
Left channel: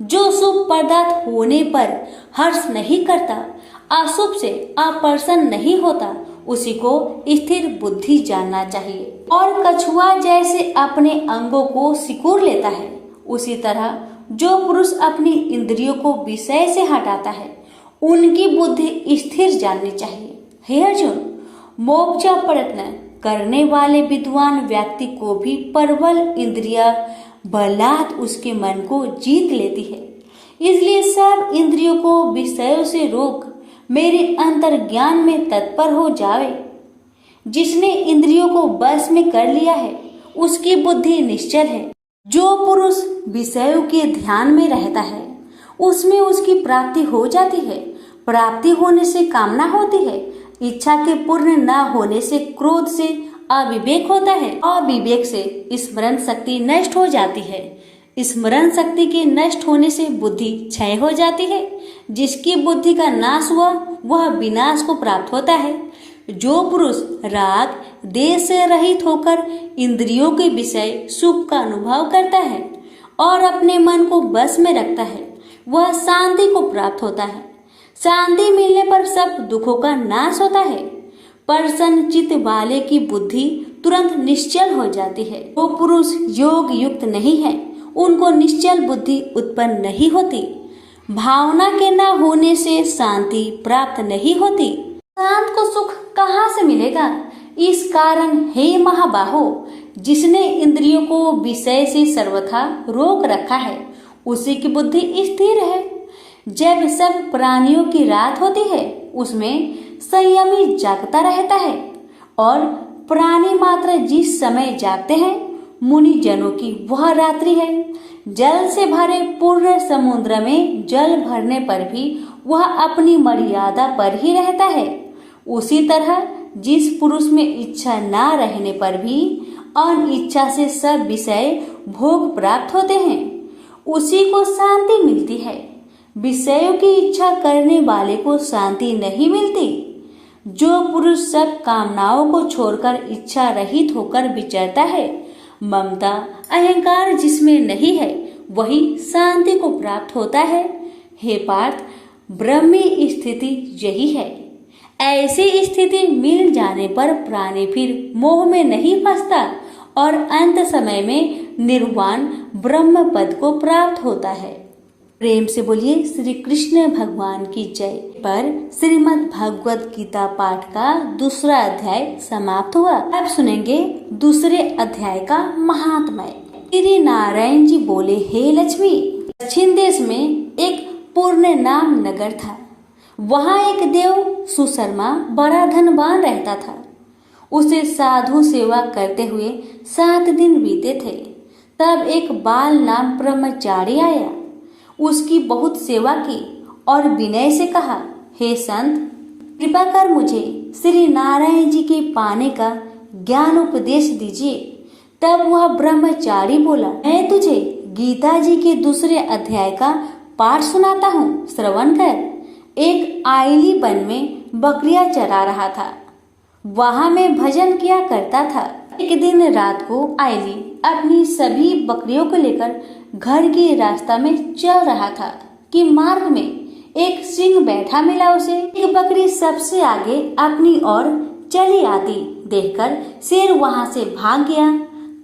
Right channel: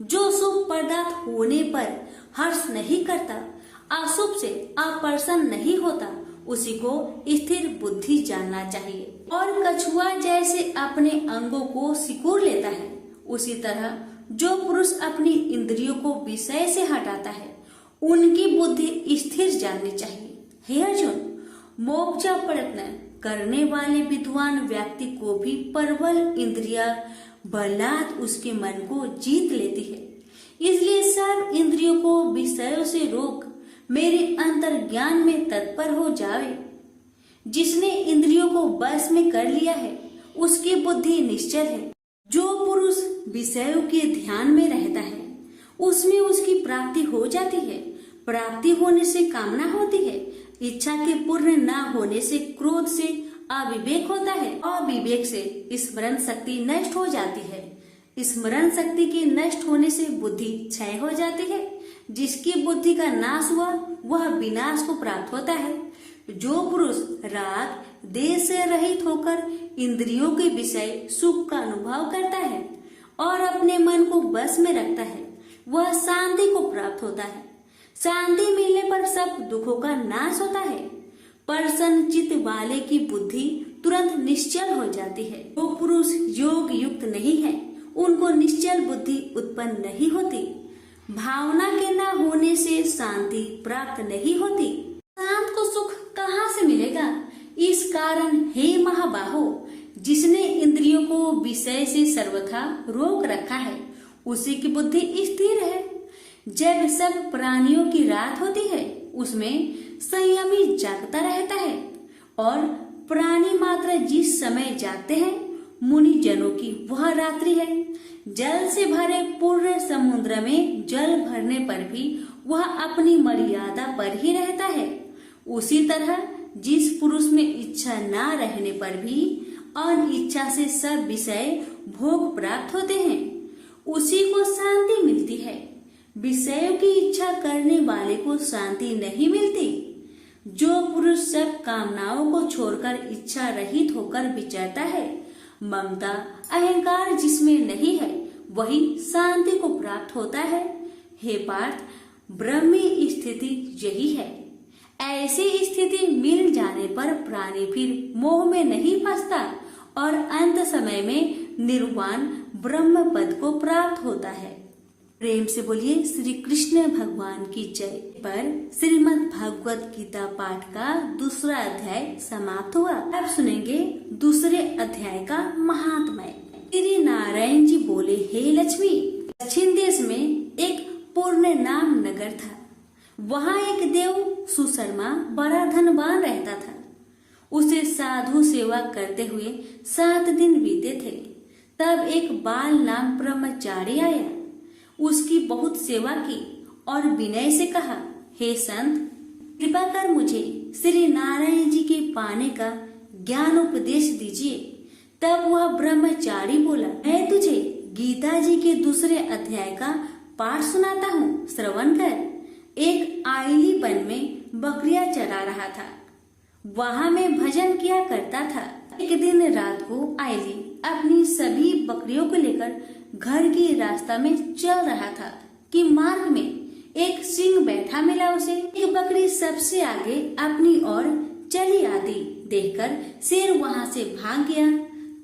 जो शुभ पदार्थ होने पर हर्ष नहीं करता, अशुभ से अप्रसन्न नहीं होता, उसी को स्थिर बुद्धि जानना चाहिए। और कछुआ जैसे अपने अंगों को सिकोड़ लेता है, उसी तरह जो पुरुष अपनी इंद्रियों को विषय से हटाता है, उनकी बुद्धि स्थिर जाननी चाहिए। हे अर्जुन, मोक्ष प्रयत्न करने वाले विद्वान व्यक्ति को भी प्रबल इंद्रिया बलात् उसके मन को जीत लेती है। इसलिए सब इंद्रियों को विषयों से रोक मेरे अंतर ज्ञान में तत्पर हो जावे। जिसने इंद्रियों को बस में कर लिया है, उसकी बुद्धि निश्चल है। जो पुरुष विषयों के ध्यान में रहता है, उसमें उसकी प्राप्ति हो जाती है। प्राप्ति होने से कामना होती है, इच्छा के पूर्ण न होने से क्रोध से अविवेक होता है, अविवेक से स्मरण शक्ति नष्ट हो जाती है, स्मरण शक्ति के नष्ट होने से बुद्धि क्षय हो जाती है। जिसकी बुद्धि का नाश हुआ, वह विनाश को प्राप्त होता है। जो पुरुष राग देश से रहित होकर इंद्रियों के विषय सुख का अनुभव करता है और अपने मन को बस में रखता है, वह शांति को प्राप्त होता है। शांति मिलने पर सब दुखों का नाश होता है। प्रसन्न चित्त वाले की बुद्धि तुरंत निश्चल हो जाती है। जो पुरुष योग युक्त नहीं है, उनको निश्चल बुद्धि उत्पन्न नहीं होती। भावना के न होने से शांति प्राप्त नहीं होती। शांत को सुख कहाँ से मिलेगा? इस कारण हे महाबाहो, जिसने इंद्रियों को विषय से सर्वथा रोक रखा है, उसी की बुद्धि स्थिर है। जब सब प्राणियों की रात होती है, उसमें संयमी जागता रहता है और प्राणी मात्र जिस समय जागते हैं, मुनि जनों की वह रात्रि है। जल से भरे पूर्ण समुद्र में जल भरने पर भी वह अपनी मर्यादा पर ही रहता है। उसी तरह जिस पुरुष में इच्छा न रहने पर भी अनिच्छा से सब विषय भोग प्राप्त होते हैं, उसी को शांति मिलती है। विषयों की इच्छा करने वाले को शांति नहीं मिलती। जो पुरुष सब कामनाओं को छोड़कर इच्छा रहित होकर विचरता है, ममता अहंकार जिसमें नहीं है, वही शांति को प्राप्त होता है। हे पार्थ, ब्रह्मी स्थिति यही है। ऐसी स्थिति मिल जाने पर प्राणी फिर मोह में नहीं फंसता और अंत समय में निर्वाण ब्रह्म पद को प्राप्त होता है। प्रेम से बोलिए श्री कृष्ण भगवान की जय। पर श्रीमद् भगवद गीता पाठ का दूसरा अध्याय समाप्त हुआ। अब सुनेंगे दूसरे अध्याय का महात्म्य। श्री नारायण जी बोले, हे लक्ष्मी, दक्षिण देश में एक पूर्ण नाम नगर था। वहाँ एक देव सुशर्मा बड़ा धनवान रहता था। उसे साधु सेवा करते हुए 7 दिन बीते थे। तब एक बाल नाम ब्रह्मचारी आया। उसकी बहुत सेवा की और विनय से कहा, हे संत, कृपा कर मुझे श्री नारायण जी के पाने का ज्ञान उपदेश दीजिए। तब वह ब्रह्मचारी बोला, मैं तुझे गीता जी के दूसरे अध्याय का पाठ सुनाता हूँ, श्रवण कर। एक आइली वन में बकरियां चरा रहा था। वहाँ मैं भजन किया करता था। एक दिन रात को आइली अपनी सभी बकरियों को लेकर घर के रास्ता में चल रहा था कि मार्ग में एक सिंह बैठा मिला उसे। एक बकरी सबसे आगे अपनी ओर चली आती देखकर शेर वहां से भाग गया।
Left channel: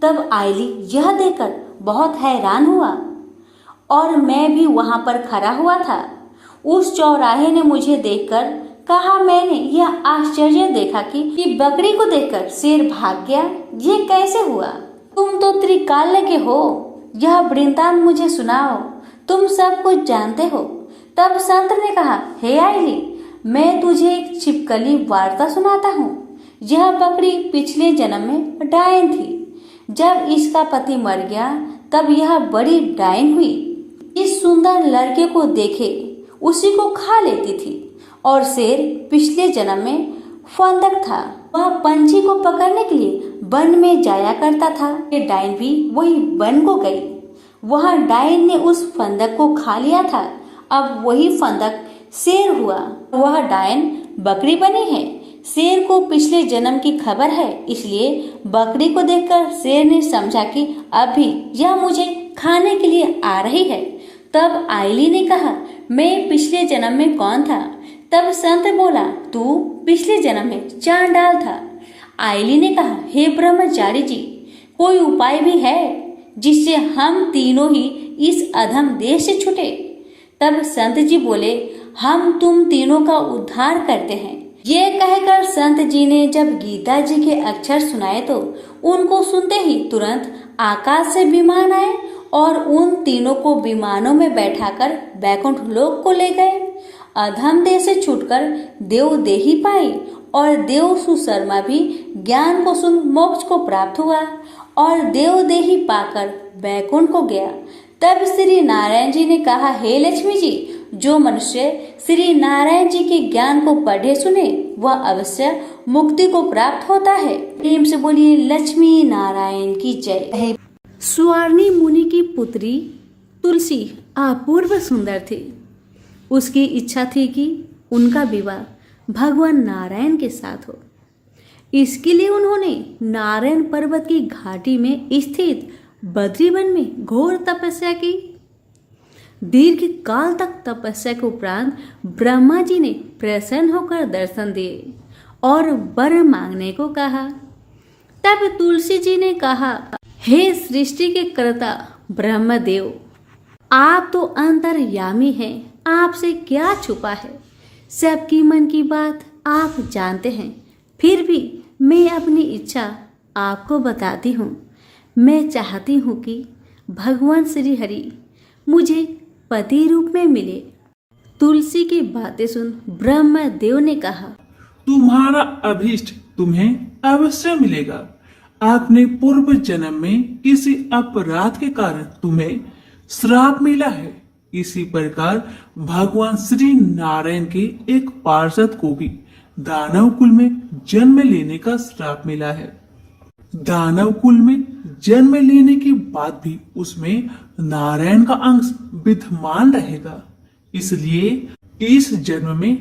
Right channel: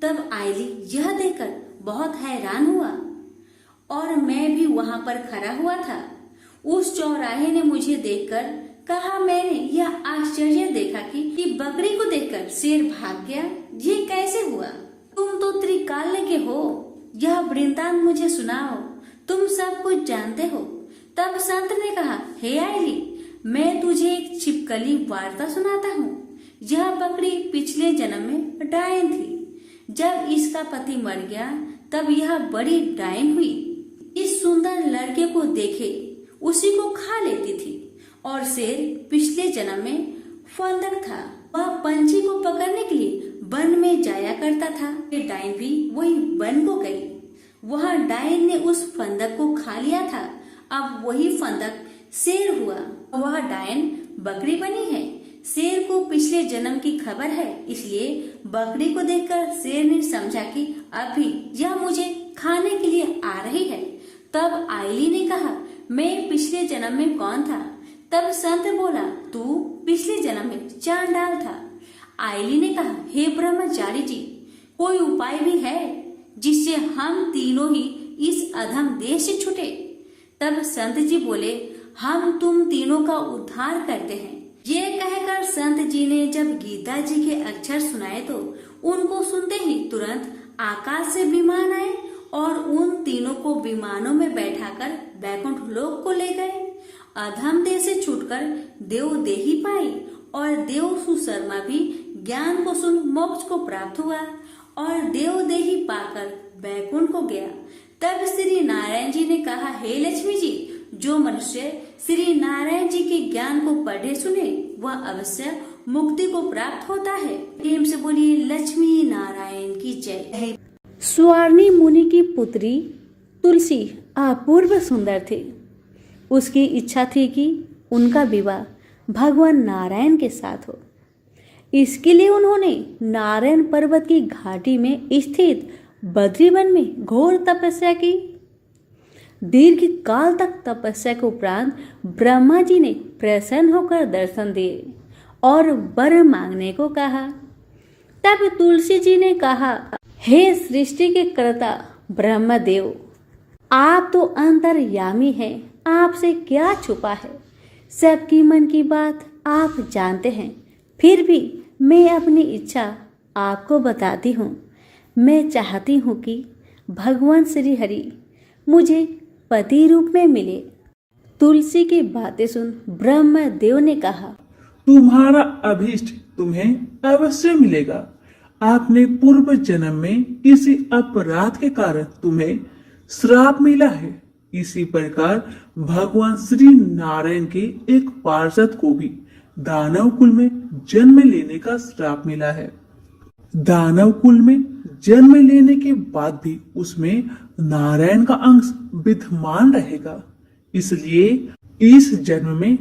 तब आयली यह देखकर बहुत हैरान हुआ और मैं भी वहां पर खड़ा हुआ था। उस चौराहे ने मुझे देखकर कहा, मैंने यह आश्चर्य देखा कि बकरी को देखकर शेर भाग गया। ये कैसे हुआ? तुम तो त्रिकाल के हो, यह वृंतांत मुझे सुनाओ, तुम सब कुछ जानते हो। तब संत ने कहा, हे आयली, मैं तुझे एक छिपकली वार्ता सुनाता हूँ। यह बकरी पिछले जन्म में डायन थी। जब इसका पति मर गया तब यह बड़ी डायन हुई। इस सुंदर लड़के को देखे उसी को खा लेती थी। और शेर पिछले जन्म में फंदक था, वह पंछी को पकड़ने के लिए वन में जाया करता था। ये डायन भी वही वन को गई। वहाँ डायन ने उस फंदक को खा लिया था। अब वही फंदक शेर हुआ। वह डायन बकरी बनी है। शेर को पिछले जन्म की खबर है, इसलिए बकरी को देखकर शेर ने समझा कि अभी यह मुझे खाने के लिए आ रही है। तब आयली ने कहा, मैं पिछले जन्म में कौन था? तब संत बोला, तू पिछले जन्म में चांडाल था। आयली ने कहा, हे ब्रह्मचारी जी, कोई उपाय भी है जिससे हम तीनों ही इस अधम देश से छूटे? तब संत जी बोले, हम तुम तीनों का उद्धार करते हैं। ये कहकर संत जी ने जब गीता जी के अक्षर सुनाए तो उनको सुनते ही तुरंत आकाश से विमान आए और उन तीनों को विमानों में बैठाकर बैकुंठ लोक को ले गए। अधम देह से छूटकर देव देही पाई और देव सुशर्मा भी ज्ञान को सुन मोक्ष को प्राप्त हुआ और देव देही पाकर बैकुंठ को गया। तब श्री नारायण जी ने कहा, हे लक्ष्मी जी, जो मनुष्य श्री नारायण जी के ज्ञान को पढ़े सुने वह अवश्य मुक्ति को प्राप्त होता है। प्रेम से बोलिए लक्ष्मी नारायण की जय। स्वर्णी मुनि की पुत्री तुलसी अपूर्व सुंदर थी। उसकी इच्छा थी कि उनका विवाह भगवान नारायण के साथ हो। इसके लिए उन्होंने नारायण पर्वत की घाटी में स्थित बद्रीवन में घोर तपस्या की। दीर्घ काल तक तपस्या के उपरांत ब्रह्मा जी ने प्रसन्न होकर दर्शन दिए और वर मांगने को कहा। तब तुलसी जी ने कहा, हे सृष्टि के कर्ता ब्रह्मदेव, आप तो अंतर्यामी हैं, आपसे क्या छुपा है? सबकी मन की बात आप जानते हैं। फिर भी मैं अपनी इच्छा आपको बताती हूँ। मैं चाहती हूँ कि भगवान श्री हरि मुझे पति रूप में मिले। तुलसी की बातें सुन ब्रह्मदेव ने कहा, तुम्हारा अभीष्ट तुम्हें अवश्य मिलेगा। आपने पूर्व जन्म में किसी अपराध के कारण तुम्हें श्राप मिला है। इसी प्रकार भगवान श्री नारायण के एक पार्षद को भी दानव कुल में जन्म लेने का श्राप मिला है। दानव कुल में जन्म लेने के बाद भी उसमें नारायण का अंश विद्यमान रहेगा। इसलिए इस जन्म में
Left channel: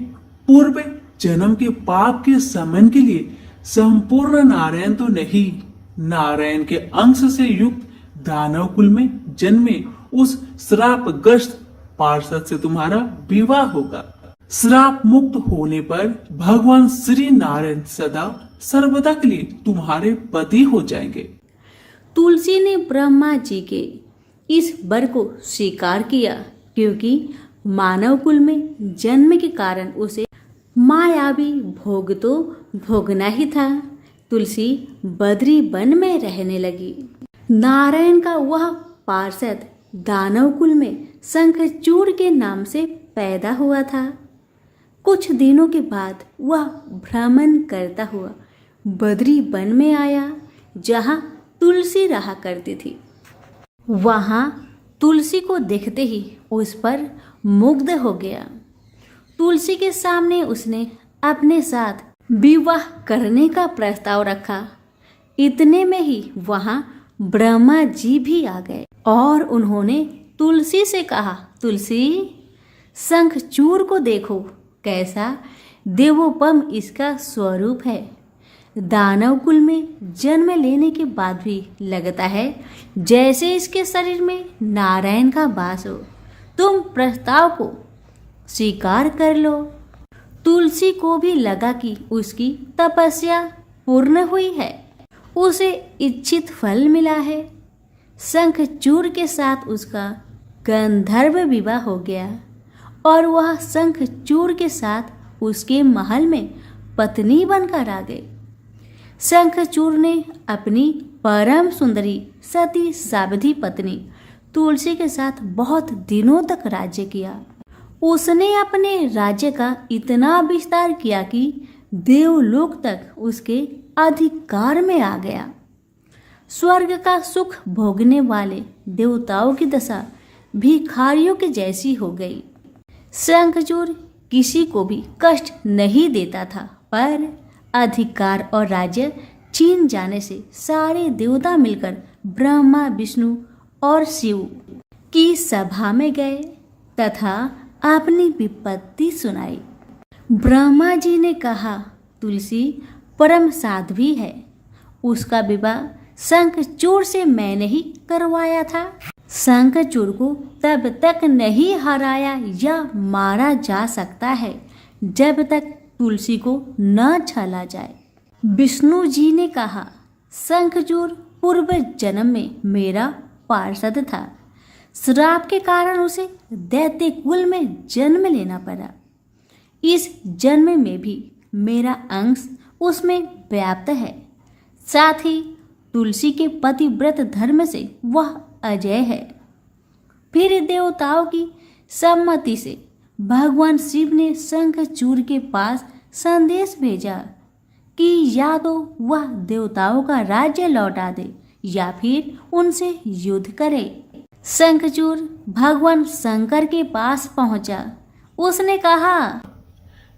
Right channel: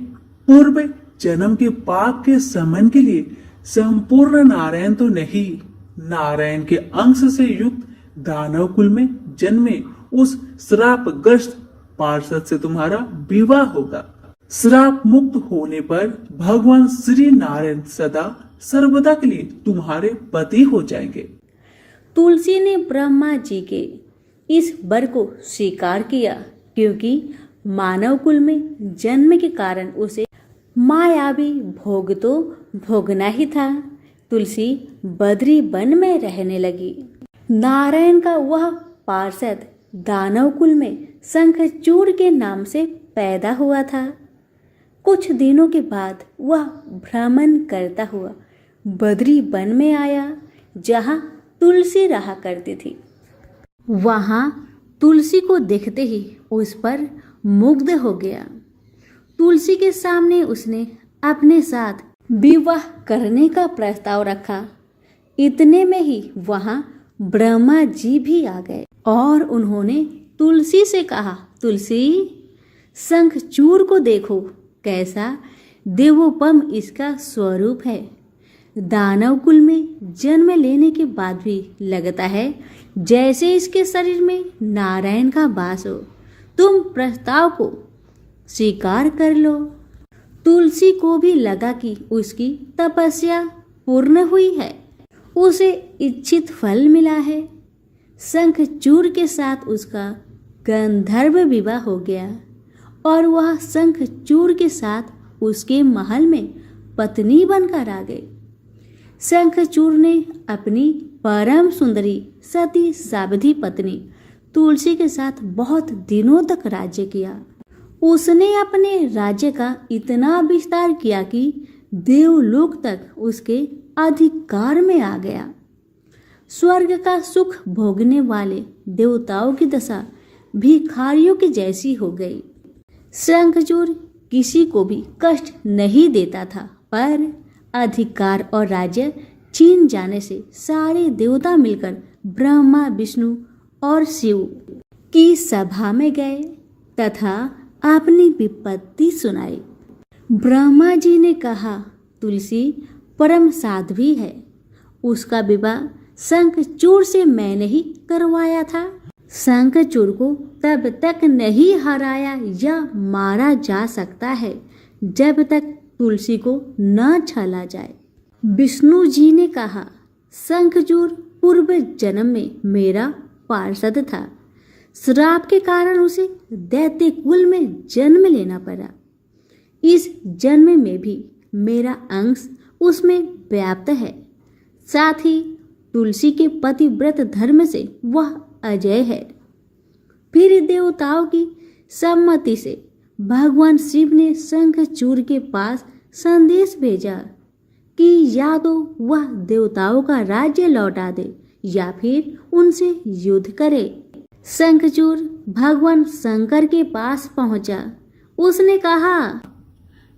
पूर्व जन्म के पाप के शमन के लिए संपूर्ण नारायण तो नहीं, नारायण के अंश से युक्त दानव कुल में जन्मे उस श्रापग्रस्त पार्षद से तुम्हारा विवाह होगा। श्राप मुक्त होने पर भगवान श्री नारायण सदा सर्वदा के लिए तुम्हारे पति हो जाएंगे। तुलसी ने ब्रह्मा जी के इस वर को स्वीकार किया, क्योंकि मानव कुल में जन्म के कारण उसे मायावी भोग तो भोगना ही था। तुलसी बद्री वन में रहने लगी। नारायण का वह पार्षद दानव कुल में शंखचूड़ के नाम से पैदा हुआ था। कुछ दिनों के बाद वह भ्रमण करता हुआ बद्री वन में आया, जहाँ तुलसी रहा करती थी। वहाँ तुलसी को देखते ही उस पर मुग्ध हो गया। तुलसी के सामने उसने अपने साथ विवाह करने का प्रस्ताव रखा। इतने में ही वहाँ ब्रह्मा जी भी आ गए और उन्होंने तुलसी से कहा, तुलसी, शंखचूड़ को देखो, कैसा देवोपम इसका स्वरूप है। दानव कुल में जन्म लेने के बाद भी लगता है जैसे इसके शरीर में नारायण का वास हो। तुम प्रस्ताव को स्वीकार कर लो। तुलसी को भी लगा कि उसकी तपस्या पूर्ण हुई है। उसे इच्छित फल मिला है। शंखचूड़ के साथ उसका गंधर्व विवाह हो गया और वह शंखचूड़ के साथ उसके महल में पत्नी बनकर आ गई। शंखचूड़ ने अपनी परम सुंदरी सती सावधि पत्नी तुलसी के साथ बहुत दिनों तक राज्य किया। उसने अपने राज्य का इतना विस्तार किया कि देवलोक तक उसके अधिकार में आ गया। स्वर्ग का सुख भोगने वाले देवताओं की दशा भिखारियों की जैसी हो गई। शंखचूड़ किसी को भी कष्ट नहीं देता था, पर अधिकार और राज्य छीन जाने से सारे देवता मिलकर ब्रह्मा, विष्णु और शिव की सभा में गए तथा अपनी विपत्ति सुनाई। ब्रह्मा जी ने कहा, तुलसी परम साध्वी है, उसका विवाह शंखचूड़ से मैंने ही करवाया था। शंखचूड़ को तब तक नहीं हराया या मारा जा सकता है जब तक तुलसी को न छला जाए। विष्णु जी ने कहा, शंखचूड़ पूर्व जन्म में मेरा पार्षद था। श्राप के कारण उसे दैत्य कुल में जन्म लेना पड़ा। इस जन्म में भी मेरा अंश उसमें व्याप्त है। साथ ही तुलसी के पतिव्रत धर्म से वह अजय है। फिर देवताओं की सम्मति से भगवान शिव ने शंखचूड़ के पास संदेश भेजा कि या तो वह देवताओं का राज्य लौटा दे या फिर उनसे युद्ध करे। शंखचूड़ भगवान शंकर के पास पहुंचा। उसने कहा,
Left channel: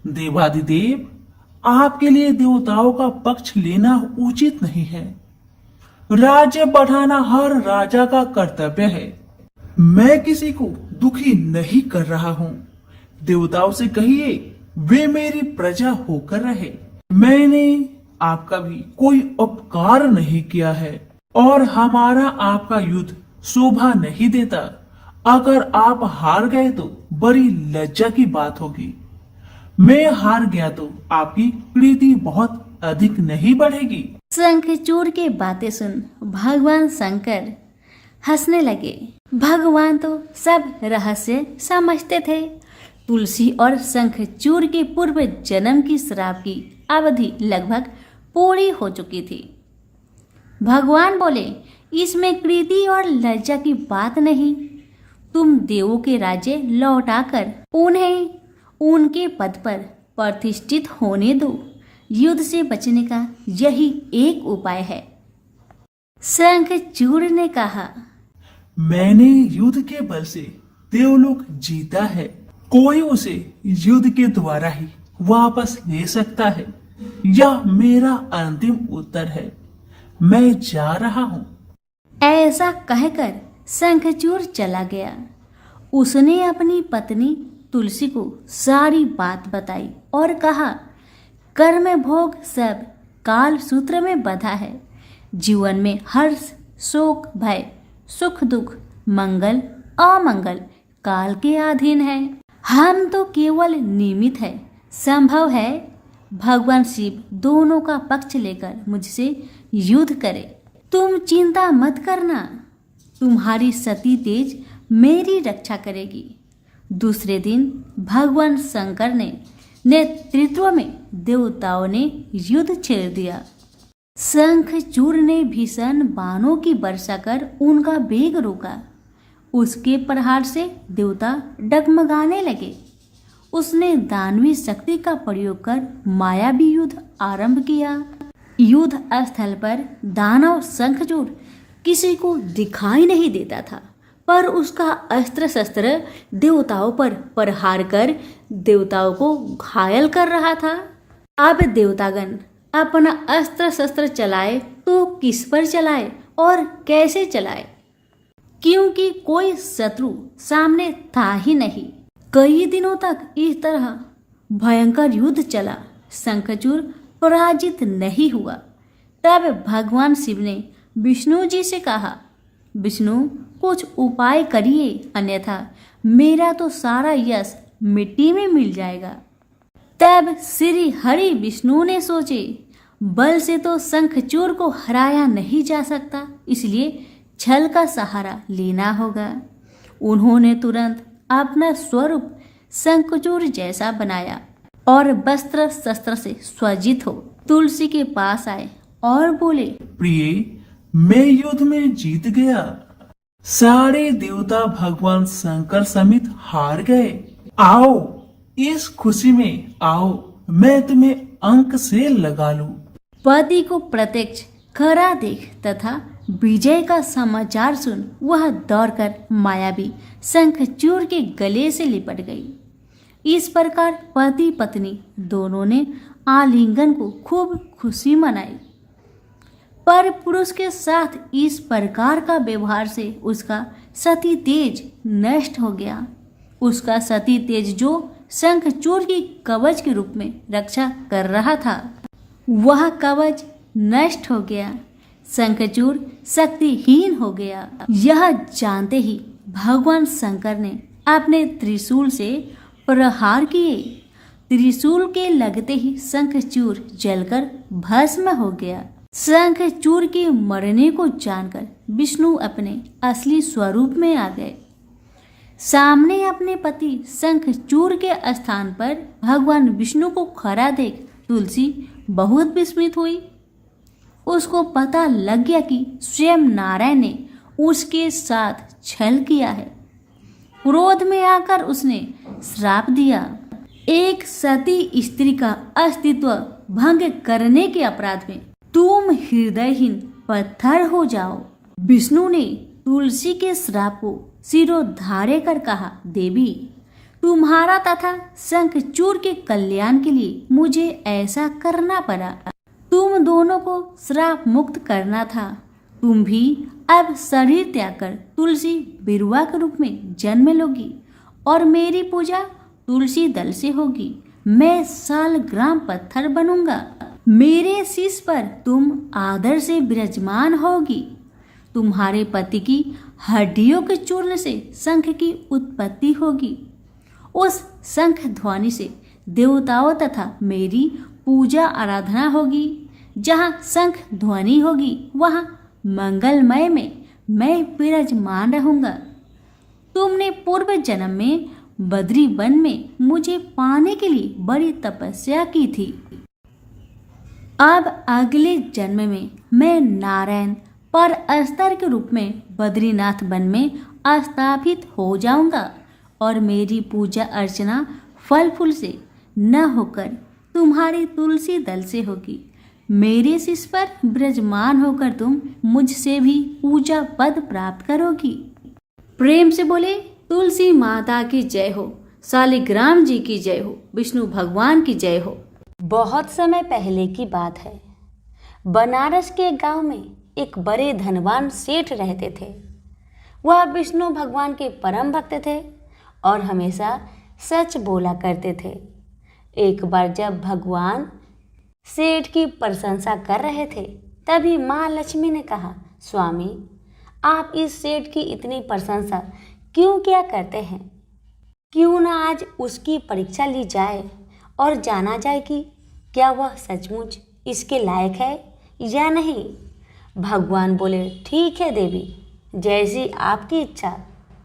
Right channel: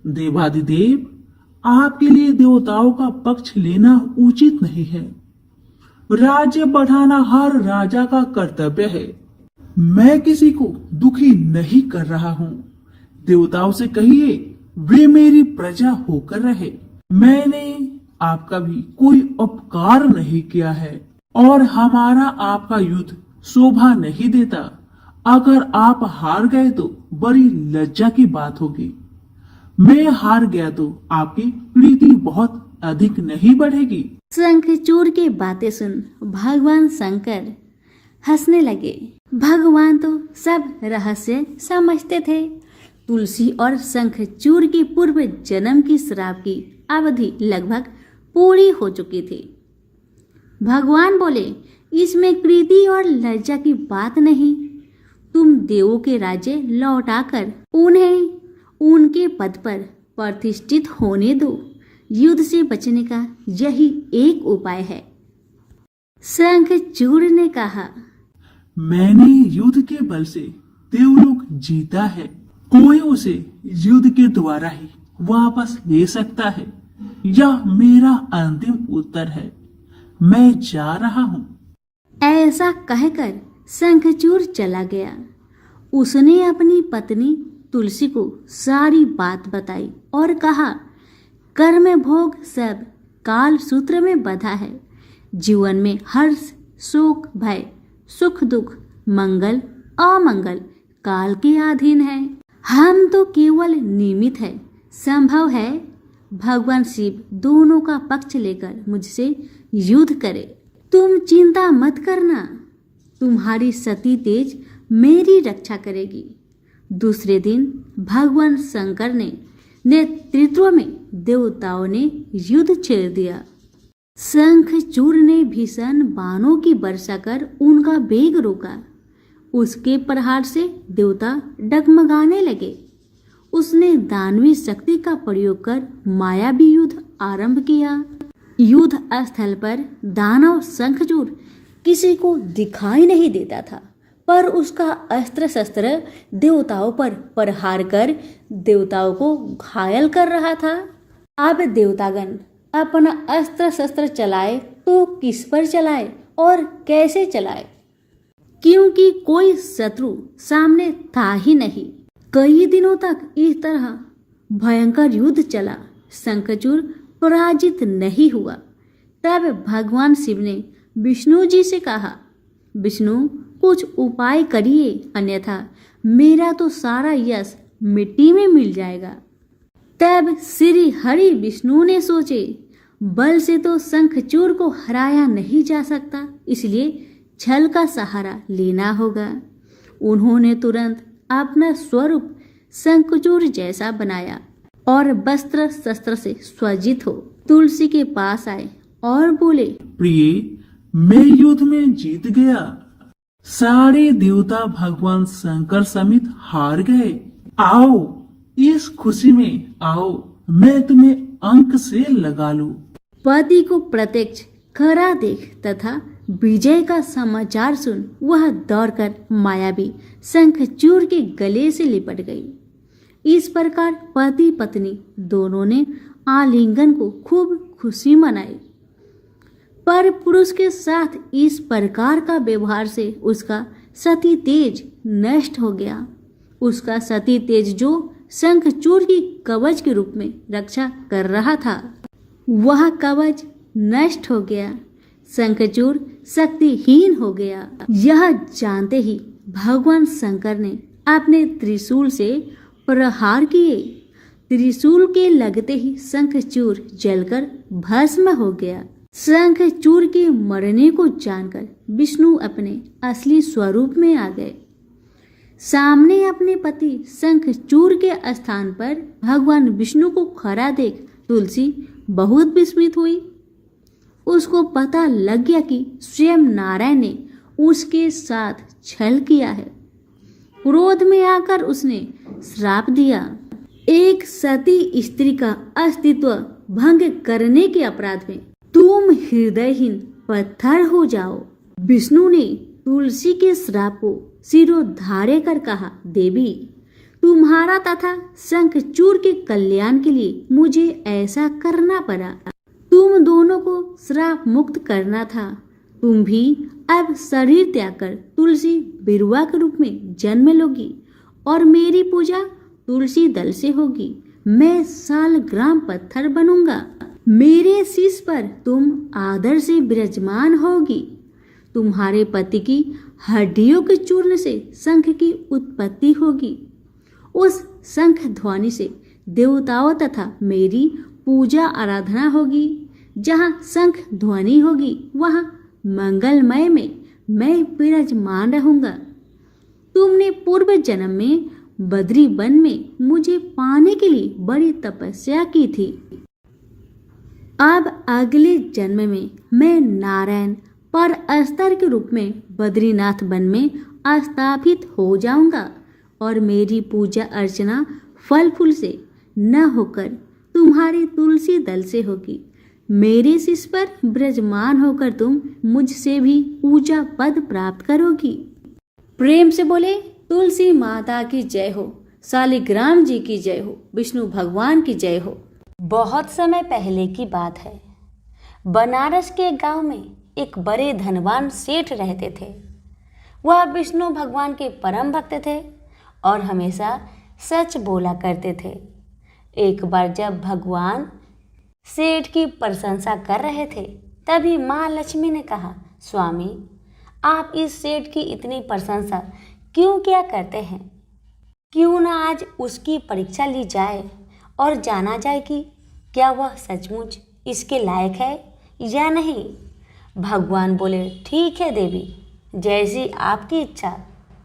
देवादिदेव, आपके लिए देवताओं का पक्ष लेना उचित नहीं है। राज्य बढ़ाना हर राजा का कर्तव्य है। मैं किसी को दुखी नहीं कर रहा हूँ। देवताओं से कहिए वे मेरी प्रजा होकर रहे। मैंने आपका भी कोई उपकार नहीं किया है और हमारा आपका युद्ध शोभा नहीं देता। अगर आप हार गए तो बड़ी लज्जा की बात होगी। मैं हार गया तो आपकी प्रीति बहुत अधिक नहीं बढ़ेगी। शंखचूड़ की बातें सुन भगवान शंकर हंसने लगे। भगवान तो सब रहस्य समझते थे। तुलसी और शंखचूड़ के पूर्व जन्म की श्राप की अवधि लगभग पूरी हो चुकी थी। भगवान बोले, इसमें कृति और लज्जा की बात नहीं। तुम देवों के राज्य लौटाकर उन्हें उनके पद पर प्रतिष्ठित होने दो। युद्ध से बचने का यही एक उपाय है। शंखचूड़ ने कहा, मैंने युद्ध के बल से देवलोक जीता है। कोई उसे युद्ध के द्वारा ही वापस ले सकता है। यह मेरा अंतिम उत्तर है। मैं जा रहा हूँ। ऐसा कहकर शंखचूड़ चला गया। उसने अपनी पत्नी तुलसी को सारी बात बताई और कहा, कर्म भोग सब काल सूत्र में बंधा है। जीवन में हर्ष, शोक, भय, सुख, दुख, मंगल, अमंगल काल के अधीन है। हम तो केवल निमित्त है। संभव है भगवान शिव दोनों का पक्ष लेकर मुझसे युद्ध करे। तुम चिंता मत करना। तुम्हारी सती तेज मेरी रक्षा करेगी। दूसरे दिन भगवान शंकर ने नेतृत्व में देवताओं ने युद्ध छेड़ दिया। शंखचूड़ ने भीषण बाणों की वर्षा कर उनका वेग रोका। उसके प्रहार से देवता डगमगाने लगे। उसने दानवी शक्ति का प्रयोग कर मायावी युद्ध आरंभ किया। युद्ध स्थल पर दानव शंखचूड़ किसी को दिखाई नहीं देता था, पर उसका अस्त्र शस्त्र देवताओं पर प्रहार कर देवताओं को घायल कर रहा था। अब देवतागण अपना अस्त्र शस्त्र चलाए तो किस पर चलाए और कैसे चलाए, क्योंकि कोई शत्रु सामने था ही नहीं। कई दिनों तक इस तरह भयंकर युद्ध चला। शंखचूड़ पराजित नहीं हुआ। तब भगवान शिव ने विष्णु जी से कहा, विष्णु, कुछ उपाय करिए, अन्यथा मेरा तो सारा यश मिट्टी में मिल जाएगा। तब श्री हरि विष्णु ने सोचे, बल से तो शंखचूर को हराया नहीं जा सकता, इसलिए छल का सहारा लेना होगा। उन्होंने तुरंत अपना स्वरूप शंखचूर जैसा बनाया और वस्त्र शस्त्र से सज्जित हो तुलसी के पास आए और बोले, प्रिय, मैं युद्ध में जीत गया। सारे देवता भगवान शंकर समेत हार गए। आओ, इस खुशी में आओ, मैं तुम्हें अंक से लगा लूं। पति को प्रत्यक्ष खरा देख तथा विजय का समाचार सुन वह दौड़कर मायावी शंखचूर के गले से लिपट गई। इस प्रकार पति पत्नी दोनों ने आलिंगन को खूब खुशी मनाई। पर पुरुष के साथ इस प्रकार का व्यवहार से उसका सती तेज नष्ट हो गया। उसका सती तेज जो शंखचूर की कवच के रूप में रक्षा कर रहा था, वह कवच नष्ट हो गया। शंखचूर शक्तिहीन हो गया। यह जानते ही भगवान शंकर ने अपने त्रिशूल से प्रहार किए। त्रिशूल के लगते ही शंखचूर जलकर भस्म हो गया। शंखचूर के मरने को जानकर विष्णु अपने असली स्वरूप में आ गए। सामने अपने पति शंखचूर के स्थान पर भगवान विष्णु को खड़ा देख तुलसी बहुत विस्मित हुई। उसको पता लग गया कि स्वयं नारायण ने उसके साथ छल किया है। क्रोध में आकर उसने श्राप दिया, एक सती स्त्री का अस्तित्व भंग करने के अपराध में तुम हृदयहीन पत्थर हो जाओ। विष्णु ने तुलसी के श्राप को सिरोधार्य कर कहा, देवी, तुम्हारा तथा शंखचूर के कल्याण के लिए मुझे ऐसा करना पड़ा। तुम दोनों को श्राप मुक्त करना था। तुम भी अब शरीर त्याग कर तुलसी बिरुवा के रूप में जन्म लोगी और मेरी पूजा तुलसी दल से होगी। मैं सालग्राम पत्थर बनूंगा। मेरे शीश पर तुम आदर से विराजमान होगी। तुम्हारे पति की हड्डियों के चूर्ण से शंख की उत्पत्ति होगी। उस शंख ध्वनि से देवताओं तथा मेरी पूजा आराधना होगी। जहाँ शंख ध्वनि होगी वहाँ मंगलमय में मैं विराजमान रहूंगा। तुमने पूर्व जन्म में बद्री वन में मुझे पाने के लिए बड़ी तपस्या की थी। अब अगले जन्म में मैं नारायण पर अस्तर के रूप में बद्रीनाथ वन में स्थापित हो जाऊंगा और मेरी पूजा अर्चना फल फूल से न होकर तुम्हारी तुलसी दल से होगी। मेरे शीश पर विराजमान होकर तुम मुझसे भी पूजा पद प्राप्त करोगी। प्रेम से बोले, तुलसी माता की जय हो, शालिग्राम जी की जय हो, विष्णु भगवान की जय हो। बहुत समय पहले की बात है। बनारस के गांव में एक बड़े धनवान सेठ रहते थे। वह विष्णु भगवान के परम भक्त थे और हमेशा सच बोला करते थे। एक बार जब भगवान सेठ की प्रशंसा कर रहे थे, तभी माँ लक्ष्मी ने कहा, स्वामी, आप इस सेठ की इतनी प्रशंसा क्यों क्या करते हैं? क्यों ना आज उसकी परीक्षा ली जाए और जाना जाए कि क्या वह सचमुच इसके लायक है या नहीं। भगवान बोले, ठीक है देवी, जैसी आपकी इच्छा।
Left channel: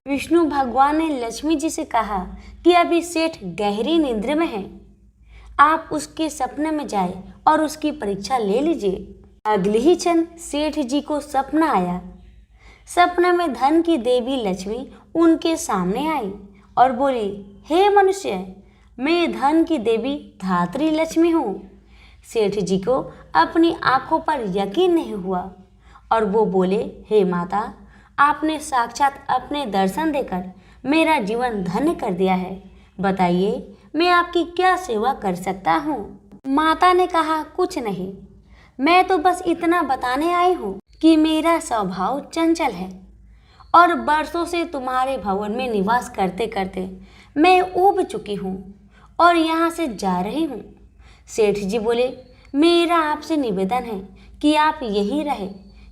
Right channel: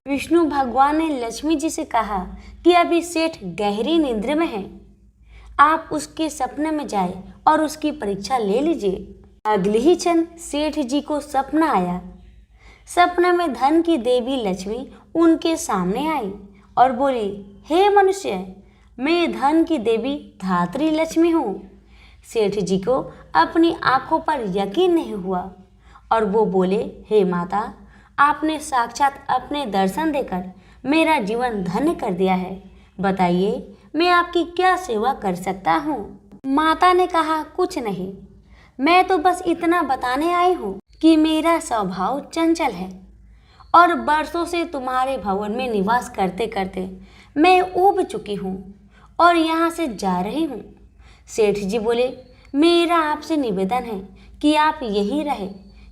विष्णु भगवान ने लक्ष्मी जी से कहा कि अभी सेठ गहरी निद्रा में है, आप उसके सपने में जाए और उसकी परीक्षा ले लीजिए। अगले ही क्षण सेठ जी को सपना आया। सपने में धन की देवी लक्ष्मी उनके सामने आई और बोली, हे मनुष्य, मैं धन की देवी धात्री लक्ष्मी हूँ। सेठ जी को अपनी आंखों पर यकीन नहीं हुआ और वो बोले, हे माता, आपने साक्षात अपने दर्शन देकर मेरा जीवन धन्य कर दिया है। बताइए, मैं आपकी क्या सेवा कर सकता हूँ? माता ने कहा, कुछ नहीं, मैं तो बस इतना बताने आई हूँ कि मेरा स्वभाव चंचल है और बरसों से तुम्हारे भवन में निवास करते करते मैं ऊब चुकी हूँ और यहाँ से जा रही हूँ। सेठ जी बोले, मेरा आपसे निवेदन है कि आप यहीं रहें,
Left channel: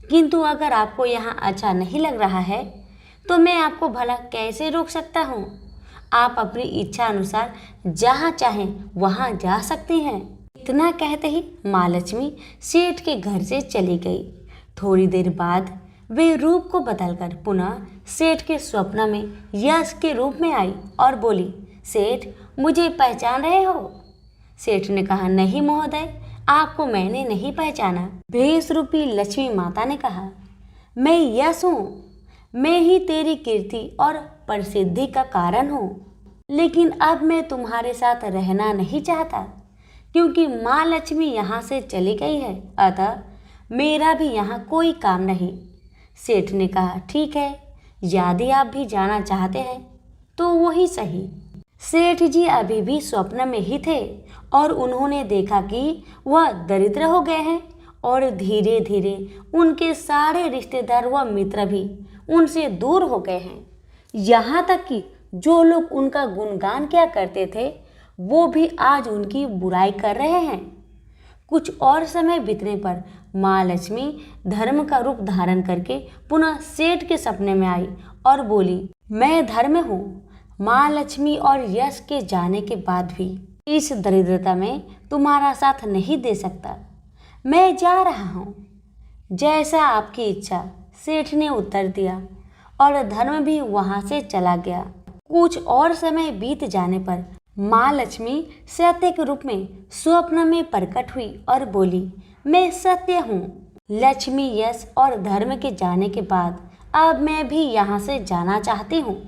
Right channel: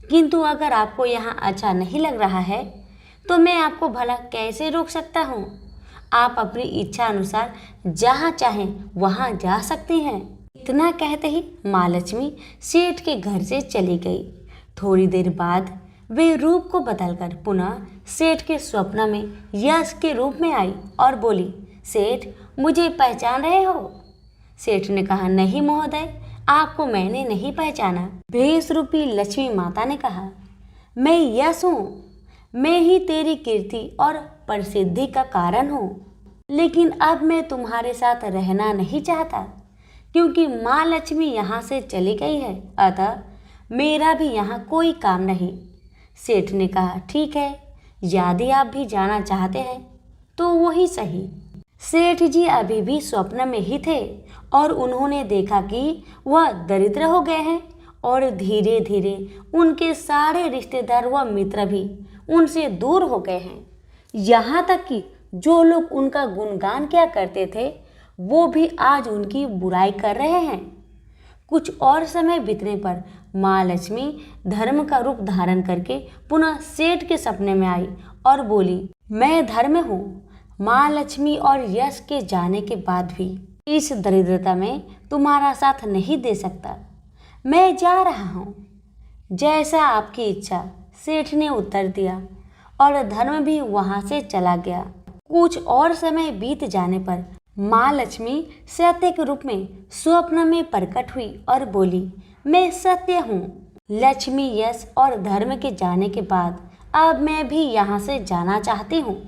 किंतु अगर आपको यहाँ अच्छा नहीं लग रहा है तो मैं आपको भला कैसे रोक सकता हूँ। आप अपनी इच्छा अनुसार जहाँ चाहें वहाँ जा सकती हैं। इतना कहते ही माँ लक्ष्मी सेठ के घर से चली गई। थोड़ी देर बाद वे रूप को बदलकर पुनः सेठ के स्वप्न में यश के रूप में आई और बोली, सेठ मुझे पहचान रहे हो? सेठ ने कहा, नहीं महोदय, आपको मैंने नहीं पहचाना। भेष रूपी लक्ष्मी माता ने कहा, मैं यश हूँ, मैं ही तेरी कीर्ति और प्रसिद्धि का कारण हूँ। लेकिन अब मैं तुम्हारे साथ रहना नहीं चाहता क्योंकि माँ लक्ष्मी यहाँ से चली गई है, अतः मेरा भी यहाँ कोई काम नहीं। सेठ ने कहा, ठीक है, यदि आप भी जाना चाहते हैं तो वही सही। सेठ जी अभी भी स्वप्न में ही थे और उन्होंने देखा कि वह दरिद्र हो गए हैं और धीरे धीरे उनके सारे रिश्तेदार व मित्र भी उनसे दूर हो गए हैं। यहाँ तक कि जो लोग उनका गुणगान किया करते थे वो भी आज उनकी बुराई कर रहे हैं। कुछ और समय बीतने पर माँ लक्ष्मी धर्म का रूप धारण करके पुनः सेठ के सपने में आई और बोली, मैं धर्म हूँ। माँ लक्ष्मी और यश के जाने के बाद भी इस दरिद्रता में तुम्हारा साथ नहीं दे सकता, मैं जा रहा हूँ। जैसा आपकी इच्छा, सेठ ने उत्तर दिया और धर्म भी वहाँ से चला गया। कुछ और समय बीत जाने पर माँ लक्ष्मी सत्य के रूप में स्वप्न में प्रकट हुई और बोली, मैं सत्य हूँ। लक्ष्मी, यश और धर्म के जाने के बाद अब मैं भी यहाँ से जाना चाहती हूँ।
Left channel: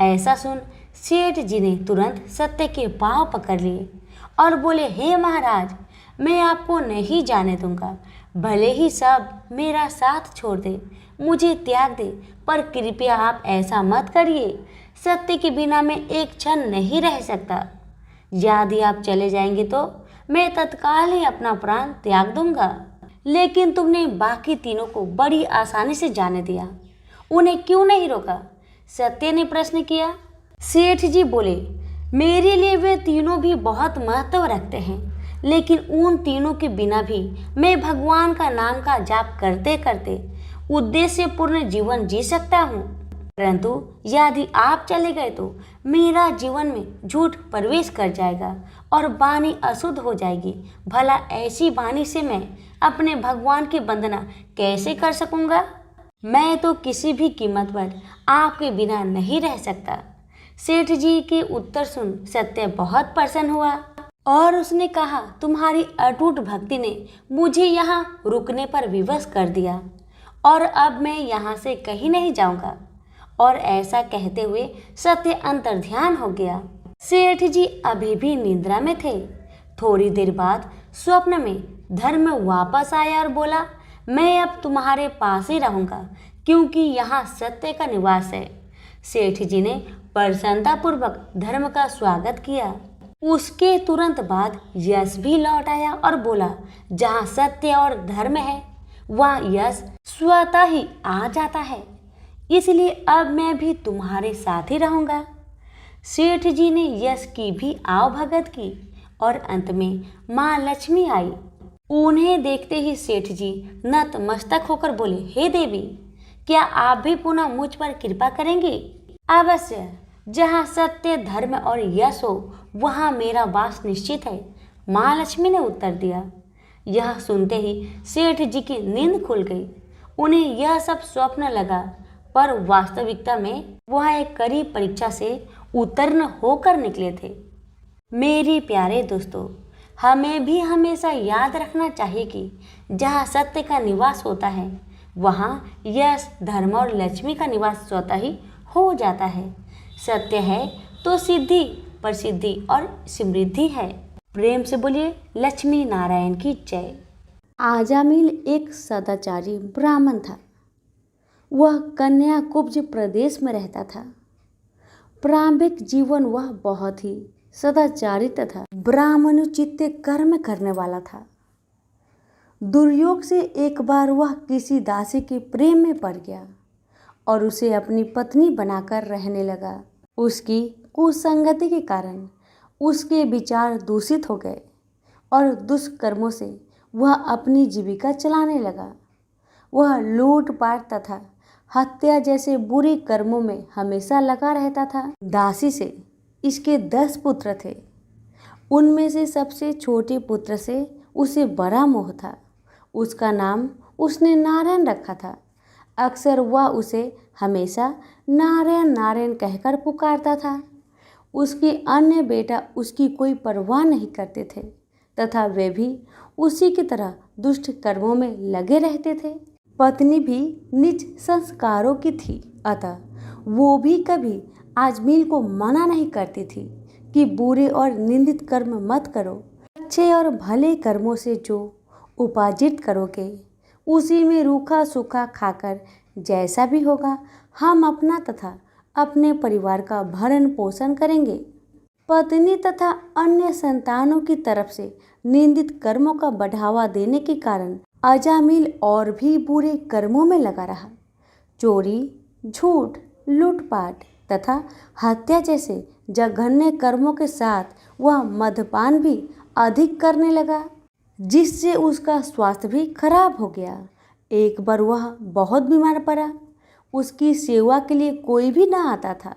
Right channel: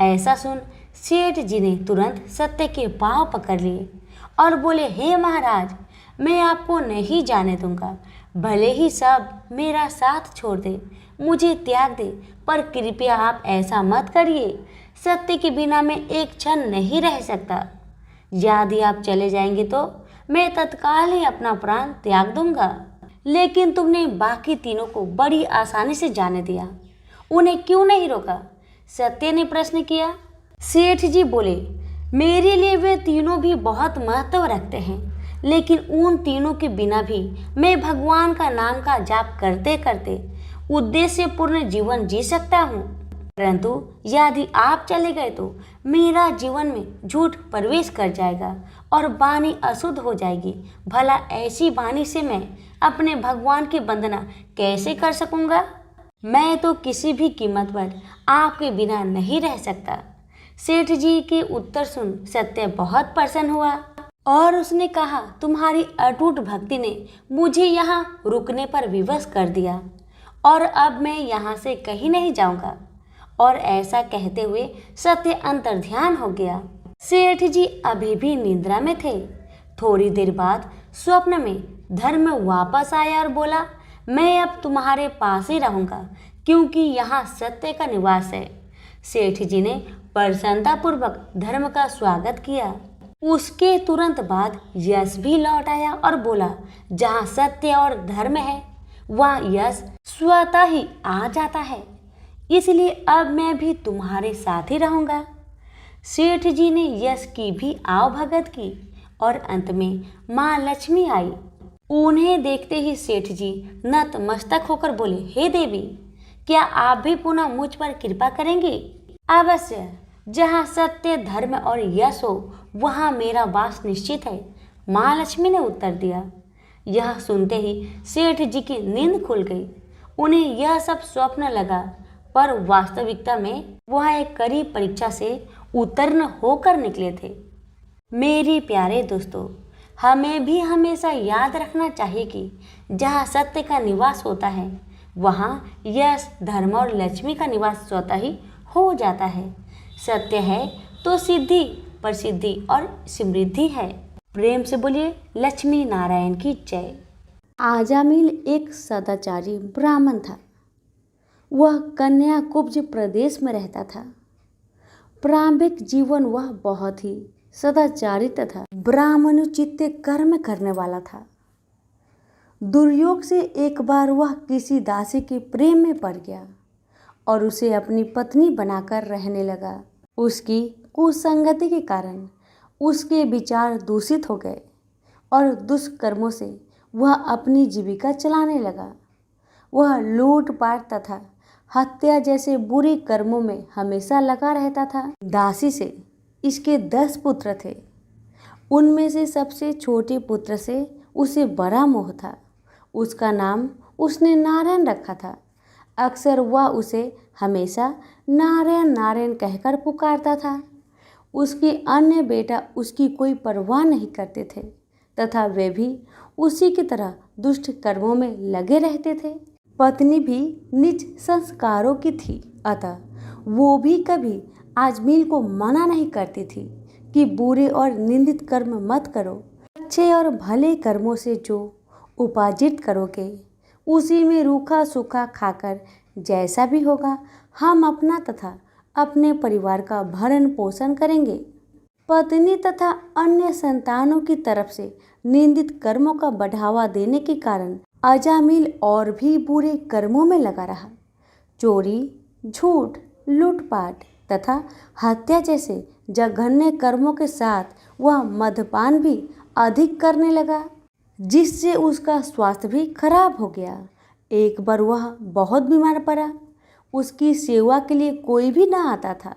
ऐसा सुन सेठ जी ने तुरंत सत्य के पाँव पकड़ लिए और बोले, हे महाराज, मैं आपको नहीं जाने दूंगा। भले ही सब मेरा साथ छोड़ दे, मुझे त्याग दे, पर कृपया आप ऐसा मत करिए। सत्य के बिना मैं एक क्षण नहीं रह सकता। यदि आप चले जाएंगे तो मैं तत्काल ही अपना प्राण त्याग दूंगा। लेकिन तुमने बाकी तीनों को बड़ी आसानी से जाने दिया, उन्हें क्यों नहीं रोका? सत्य ने प्रश्न किया। सेठ जी बोले, मेरे लिए वे तीनों भी बहुत महत्व रखते हैं, लेकिन उन तीनों के बिना भी मैं भगवान का नाम का जाप करते करते उद्देश्यपूर्ण जीवन जी सकता हूँ। परंतु यदि आप चले गए तो मेरा जीवन में झूठ प्रवेश कर जाएगा और वाणी अशुद्ध हो जाएगी। भला ऐसी वाणी से मैं अपने भगवान की वंदना कैसे कर सकूंगा? मैं तो किसी भी कीमत पर आपके बिना नहीं रह सकता। सेठ जी के उत्तर सुन सत्य बहुत प्रसन्न हुआ और उसने कहा, तुम्हारी अटूट भक्ति ने मुझे यहाँ रुकने पर विवश कर दिया और अब मैं यहाँ से कहीं नहीं जाऊंगा। और ऐसा कहते हुए सत्य अंतर्ध्यान हो गया। सेठ जी अभी भी निद्रा में थे। थोड़ी देर बाद स्वप्न में धर्म वापस आया और बोला, मैं अब तुम्हारे पास ही रहूंगा क्योंकि यहाँ सत्य का निवास है। सेठ जी ने प्रसन्नतापूर्वक धर्म का स्वागत किया। उसके तुरंत बाद यश भी लौट आया और बोला, जहाँ सत्य और धर्म है वहाँ यश स्वतः ही आ जाता है, इसलिए अब मैं भी तुम्हारे साथ ही रहूंगा। सेठ जी ने यश की भी आवभगत की और अंत में माँ लक्ष्मी आई। उन्हें देखते ही सेठ जी नतमस्तक होकर बोले, हे देवी, क्या आप भी पुनः मुझ पर कृपा करेंगे? अवश्य, जहाँ सत्य, धर्म और यश हो वहाँ मेरा वास निश्चित है, माँ लक्ष्मी ने उत्तर दिया। यह सुनते ही सेठ जी की नींद खुल गई। उन्हें यह सब स्वप्न लगा, पर वास्तविकता में वह एक कड़ी परीक्षा से उत्तीर्ण होकर निकले थे। मेरे प्यारे दोस्तों, हमें भी हमेशा याद रखना चाहिए कि जहाँ सत्य का निवास होता है वहाँ यश, धर्म और लक्ष्मी का निवास स्वतः ही हो जाता है। सत्य है तो सिद्धि, प्रसिद्धि और समृद्धि है। प्रेम से बोलिए लक्ष्मी नारायण की जय। आजामिल एक सदाचारी ब्राह्मण था। वह कन्याकुब्ज प्रदेश में रहता था। प्रारंभिक जीवन वह बहुत ही सदाचारी तथा ब्राह्मणोचित कर्म करने वाला था। दुर्योग से एक बार वह किसी दासी के प्रेम में पड़ गया और उसे अपनी पत्नी बनाकर रहने लगा। उसकी कुसंगति के कारण उसके विचार दूषित हो गए और दुष्कर्मों से वह अपनी जीविका चलाने लगा। वह लूटपाट तथा हत्या जैसे बुरे कर्मों में हमेशा लगा रहता था। दासी से इसके 10 पुत्र थे उनमें से सबसे छोटे पुत्र से उसे बड़ा मोह था। उसका नाम उसने नारायण रखा था। अक्सर वह उसे हमेशा नारायण नारायण कहकर पुकारता था। उसके अन्य बेटा उसकी कोई परवाह नहीं करते थे तथा वे भी उसी की तरह दुष्ट कर्मों में लगे रहते थे। पत्नी भी नीच संस्कारों की थी, अतः वो भी कभी आजमील को मना नहीं करती थी कि बुरे और निंदित कर्म मत करो। अच्छे और भले कर्मों से जो उपार्जित करोगे उसी में रूखा सूखा खाकर जैसा भी होगा हम अपना तथा अपने परिवार का भरण पोषण करेंगे। पत्नी तथा अन्य संतानों की तरफ से निंदित कर्मों का बढ़ावा देने के कारण अजामिल और भी बुरे कर्मों में लगा रहा। चोरी, झूठ, लूटपाट तथा हत्या जैसे जघन्य कर्मों के साथ वह मद्यपान भी अधिक करने लगा, जिससे उसका स्वास्थ्य भी खराब हो गया। एक बार वह बहुत बीमार पड़ा। उसकी सेवा के लिए कोई भी न आता था।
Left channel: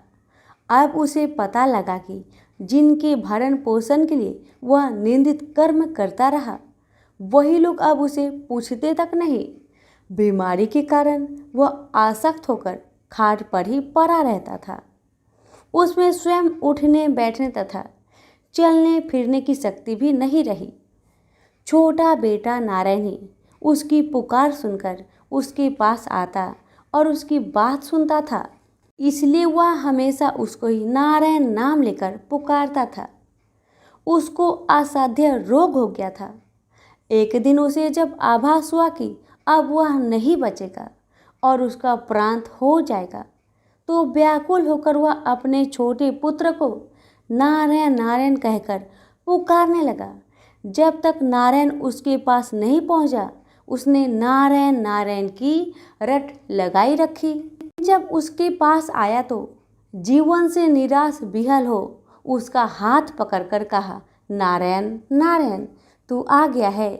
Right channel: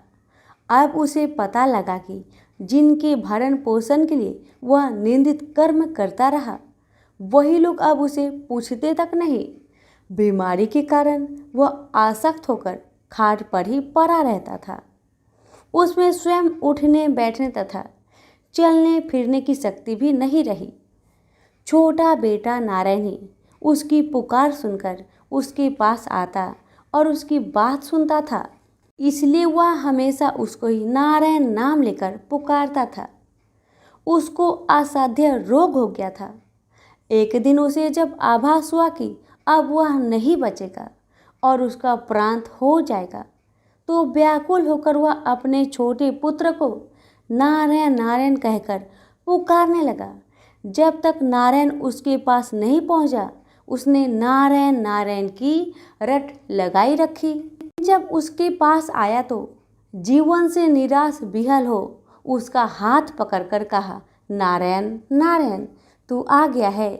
अब उसे पता लगा कि जिनके भरण पोषण के लिए वह निंदित कर्म करता रहा वही लोग अब उसे पूछते तक नहीं। बीमारी के कारण वह आसक्त होकर खाट पर ही पड़ा रहता था। उसमें स्वयं उठने बैठने तथा चलने फिरने की शक्ति भी नहीं रही। छोटा बेटा नारायण ही उसकी पुकार सुनकर उसके पास आता और उसकी बात सुनता था, इसलिए वह हमेशा उसको ही नारायण नाम लेकर पुकारता था। उसको असाध्य रोग हो गया था। एक दिन उसे जब आभास हुआ कि अब वह नहीं बचेगा और उसका प्रांत हो जाएगा, तो व्याकुल होकर वह अपने छोटे पुत्र को नारायण नारायण कहकर पुकारने लगा। जब तक नारायण उसके पास नहीं पहुंचा, उसने नारायण नारायण की रट लगाई रखी। जब उसके पास आया तो जीवन से निराश विहल हो उसका हाथ पकड़कर कहा, नारायण नारायण तू आ गया है।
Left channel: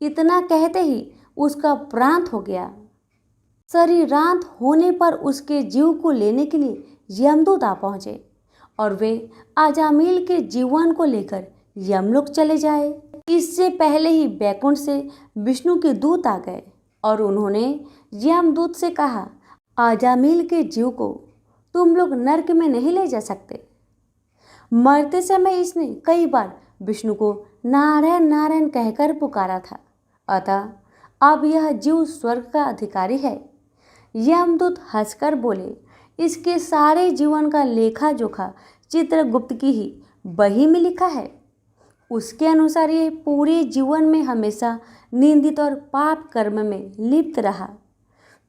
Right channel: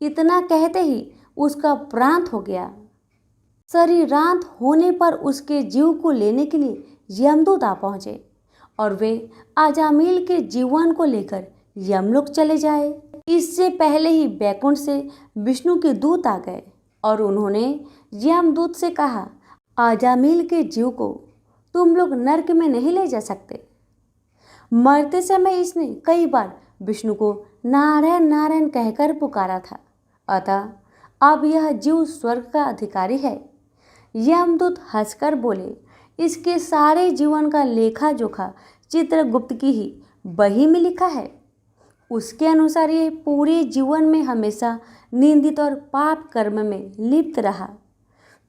इतना कहते ही उसका प्रांत हो गया। शरीरांत होने पर उसके जीव को लेने के लिए यमदूत आ पहुंचे और वे अजामिल के जीवन को लेकर यमलोक चले जाए। इससे पहले ही बैकुंठ से विष्णु के दूत आ गए और उन्होंने यमदूत से कहा, अजामिल के जीव को तुम लोग नरक में नहीं ले जा सकते। मरते समय इसने कई बार विष्णु को नारायण नारायण कहकर पुकारा था, अतः अब यह जीव स्वर्ग का अधिकारी है। यमदूत हंसकर बोले, इसके सारे जीवन का लेखा जोखा चित्रगुप्त की ही बही में लिखा है। उसके अनुसार ये पूरे जीवन में हमेशा निंदित और पाप कर्म में लिप्त रहा।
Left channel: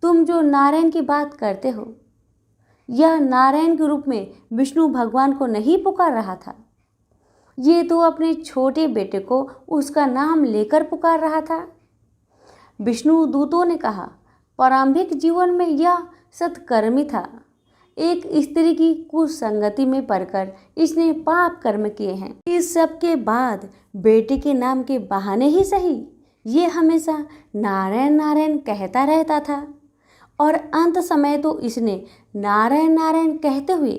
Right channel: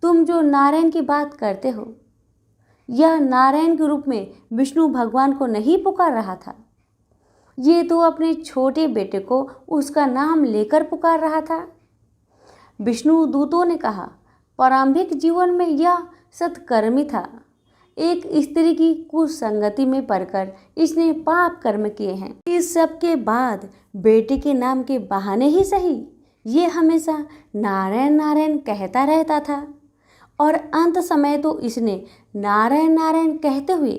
तुम जो नारायण की बात करते हो, यह नारायण के रूप में विष्णु भगवान को नहीं पुकार रहा था। ये तो अपने छोटे बेटे को उसका नाम लेकर पुकार रहा था। विष्णु दूतों ने कहा, प्रारंभिक जीवन में यह सत्कर्मी था। एक स्त्री की कुसंगति में पड़कर इसने पाप कर्म किए हैं। इस सब के बाद बेटे के नाम के बहाने ही सही ये हमेशा नारायण नारायण कहता रहता था और अंत समय तो इसने नारायण नारायण कहते हुए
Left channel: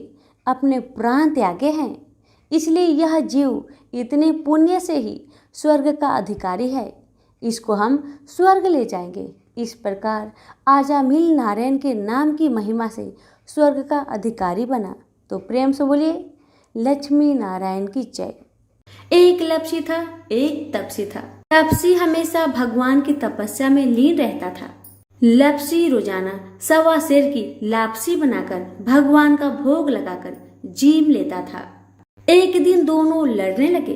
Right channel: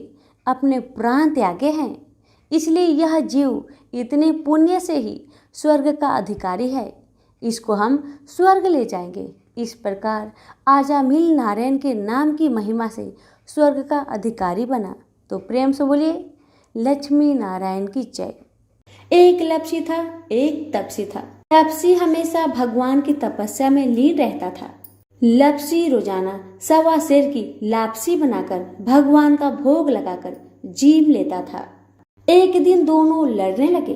अपने प्राण त्यागे हैं। इसलिए यह जीव इतने पुण्य से ही स्वर्ग का अधिकारी है। इसको हम स्वर्ग ले जाएंगे। इस प्रकार अजामिल नारायण के नाम की महिमा से स्वर्ग का अधिकारी बना। तो प्रेम से बोलिए, लक्ष्मी नारायण की जय। एक लपसी था, एक तपसी था। तपसी हमेशा भगवान की तपस्या में लीन रहता था। लपसी रोजाना 1.25 सेर की लापसी बनाकर भगवान का भोग लगाकर जीम लेता था। एक दिन दोनों लड़ने लगे।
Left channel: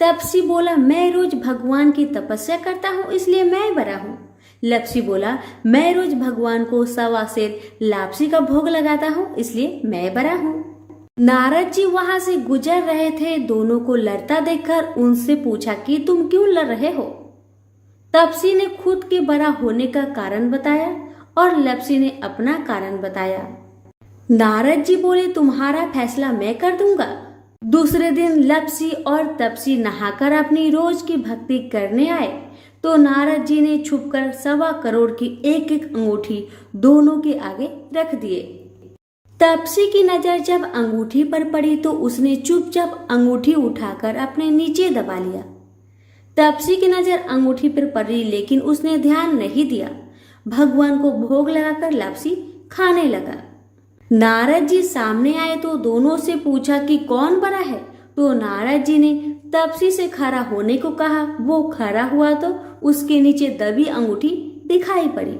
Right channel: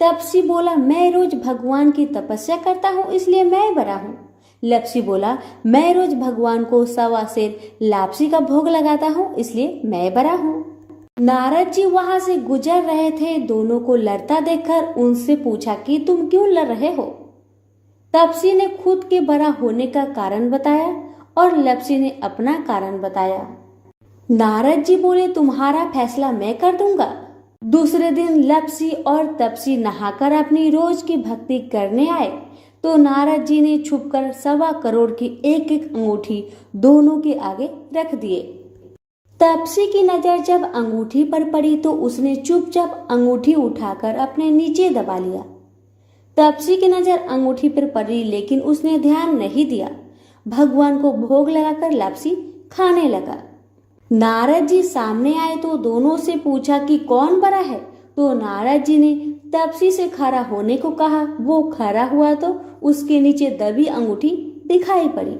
तपसी बोला, मैं रोज भगवान की तपस्या करता हूँ इसलिए मैं बड़ा हूँ। लपसी बोला, मैं रोज भगवान को 1.25 सेर लापसी का भोग लगाता हूँ इसलिए मैं बड़ा हूँ। नारद जी वहां से गुजर रहे थे। दोनों को लड़ता देखकर उनसे पूछा कि तुम क्यों लड़ रहे हो। तपसी ने खुद के बड़ा होने का कारण बताया और लपसी ने अपना कारण बताया। नारद जी बोले, तुम्हारा फैसला मैं कर दूंगा। दूसरे दिन लपसी और तपसी नहाकर अपनी रोज की भक्ति करने आए तो नारद जी ने छुपकर 1.25 करोड़ की एक एक अंगूठी दोनों के आगे रख दिए। तपसी की नजर जब अंगूठी पर पड़ी तो उसने चुपचाप अंगूठी उठाकर अपने नीचे दबा लिया। तपसी की नजर अंगूठी पर पड़ी लेकिन उसने ध्यान नहीं दिया। भगवान को भोग लगाकर लापसी खाने लगा। नारद जी सामने आए तो दोनों से पूछा कि कौन बड़ा है, तो नारद जी ने तपसी से खड़ा होने को कहा। वो खड़ा हुआ तो उसके नीचे दबी अंगूठी दिखाई पड़ी।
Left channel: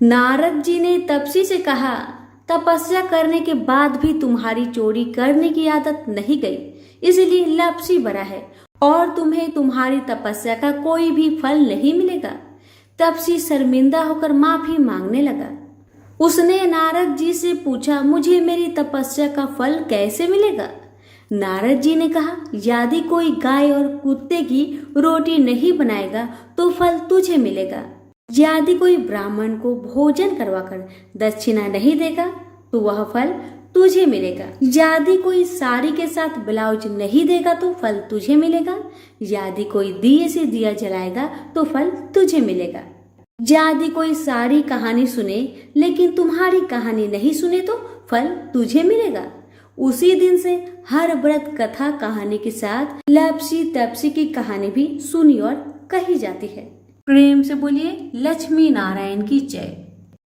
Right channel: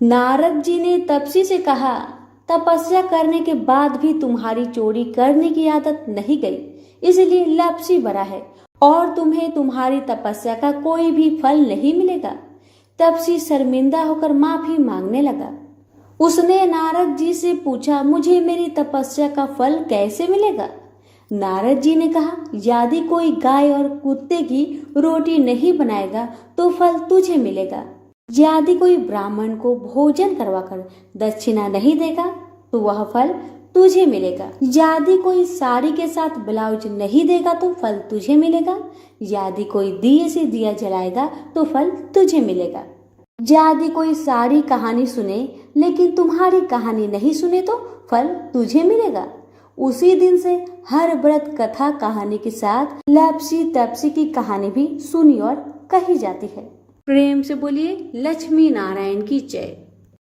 नारद जी ने तपसी से कहा, तपस्या करने के बाद भी तुम्हारी चोरी करने की आदत नहीं गई, इसलिए लापसी बड़ा है और तुम्हें तुम्हारी तपस्या का कोई भी फल नहीं मिलेगा। तपसी शर्मिंदा होकर माफी मांगने लगा। उसने नारद जी से पूछा, मुझे मेरी तपस्या का फल कैसे मिलेगा? नारद जी ने कहा, यदि कोई गाय और कुत्ते की रोटी नहीं बनाएगा तो फल तुझे मिलेगा। यदि कोई ब्राह्मण को भोजन करवाकर दक्षिणा नहीं देगा तो वह फल तुझे मिलेगा। यदि कोई साड़ी के साथ ब्लाउज नहीं देगा तो फल तुझे मिलेगा। यदि कोई दिए से दिया जलाएगा तो फल तुझे मिलेगा। यदि कोई सारी कहानी सुने लेकिन तुम्हारी कहानी नहीं सुने तो फल तुझे मिलेगा। उसी दिन से हर व्रत कथा कहानी के साथ लापसी तपसी की कहानी भी सुनी और कही जाती है। प्रेम से बोलिए लक्ष्मी नारायण की जय।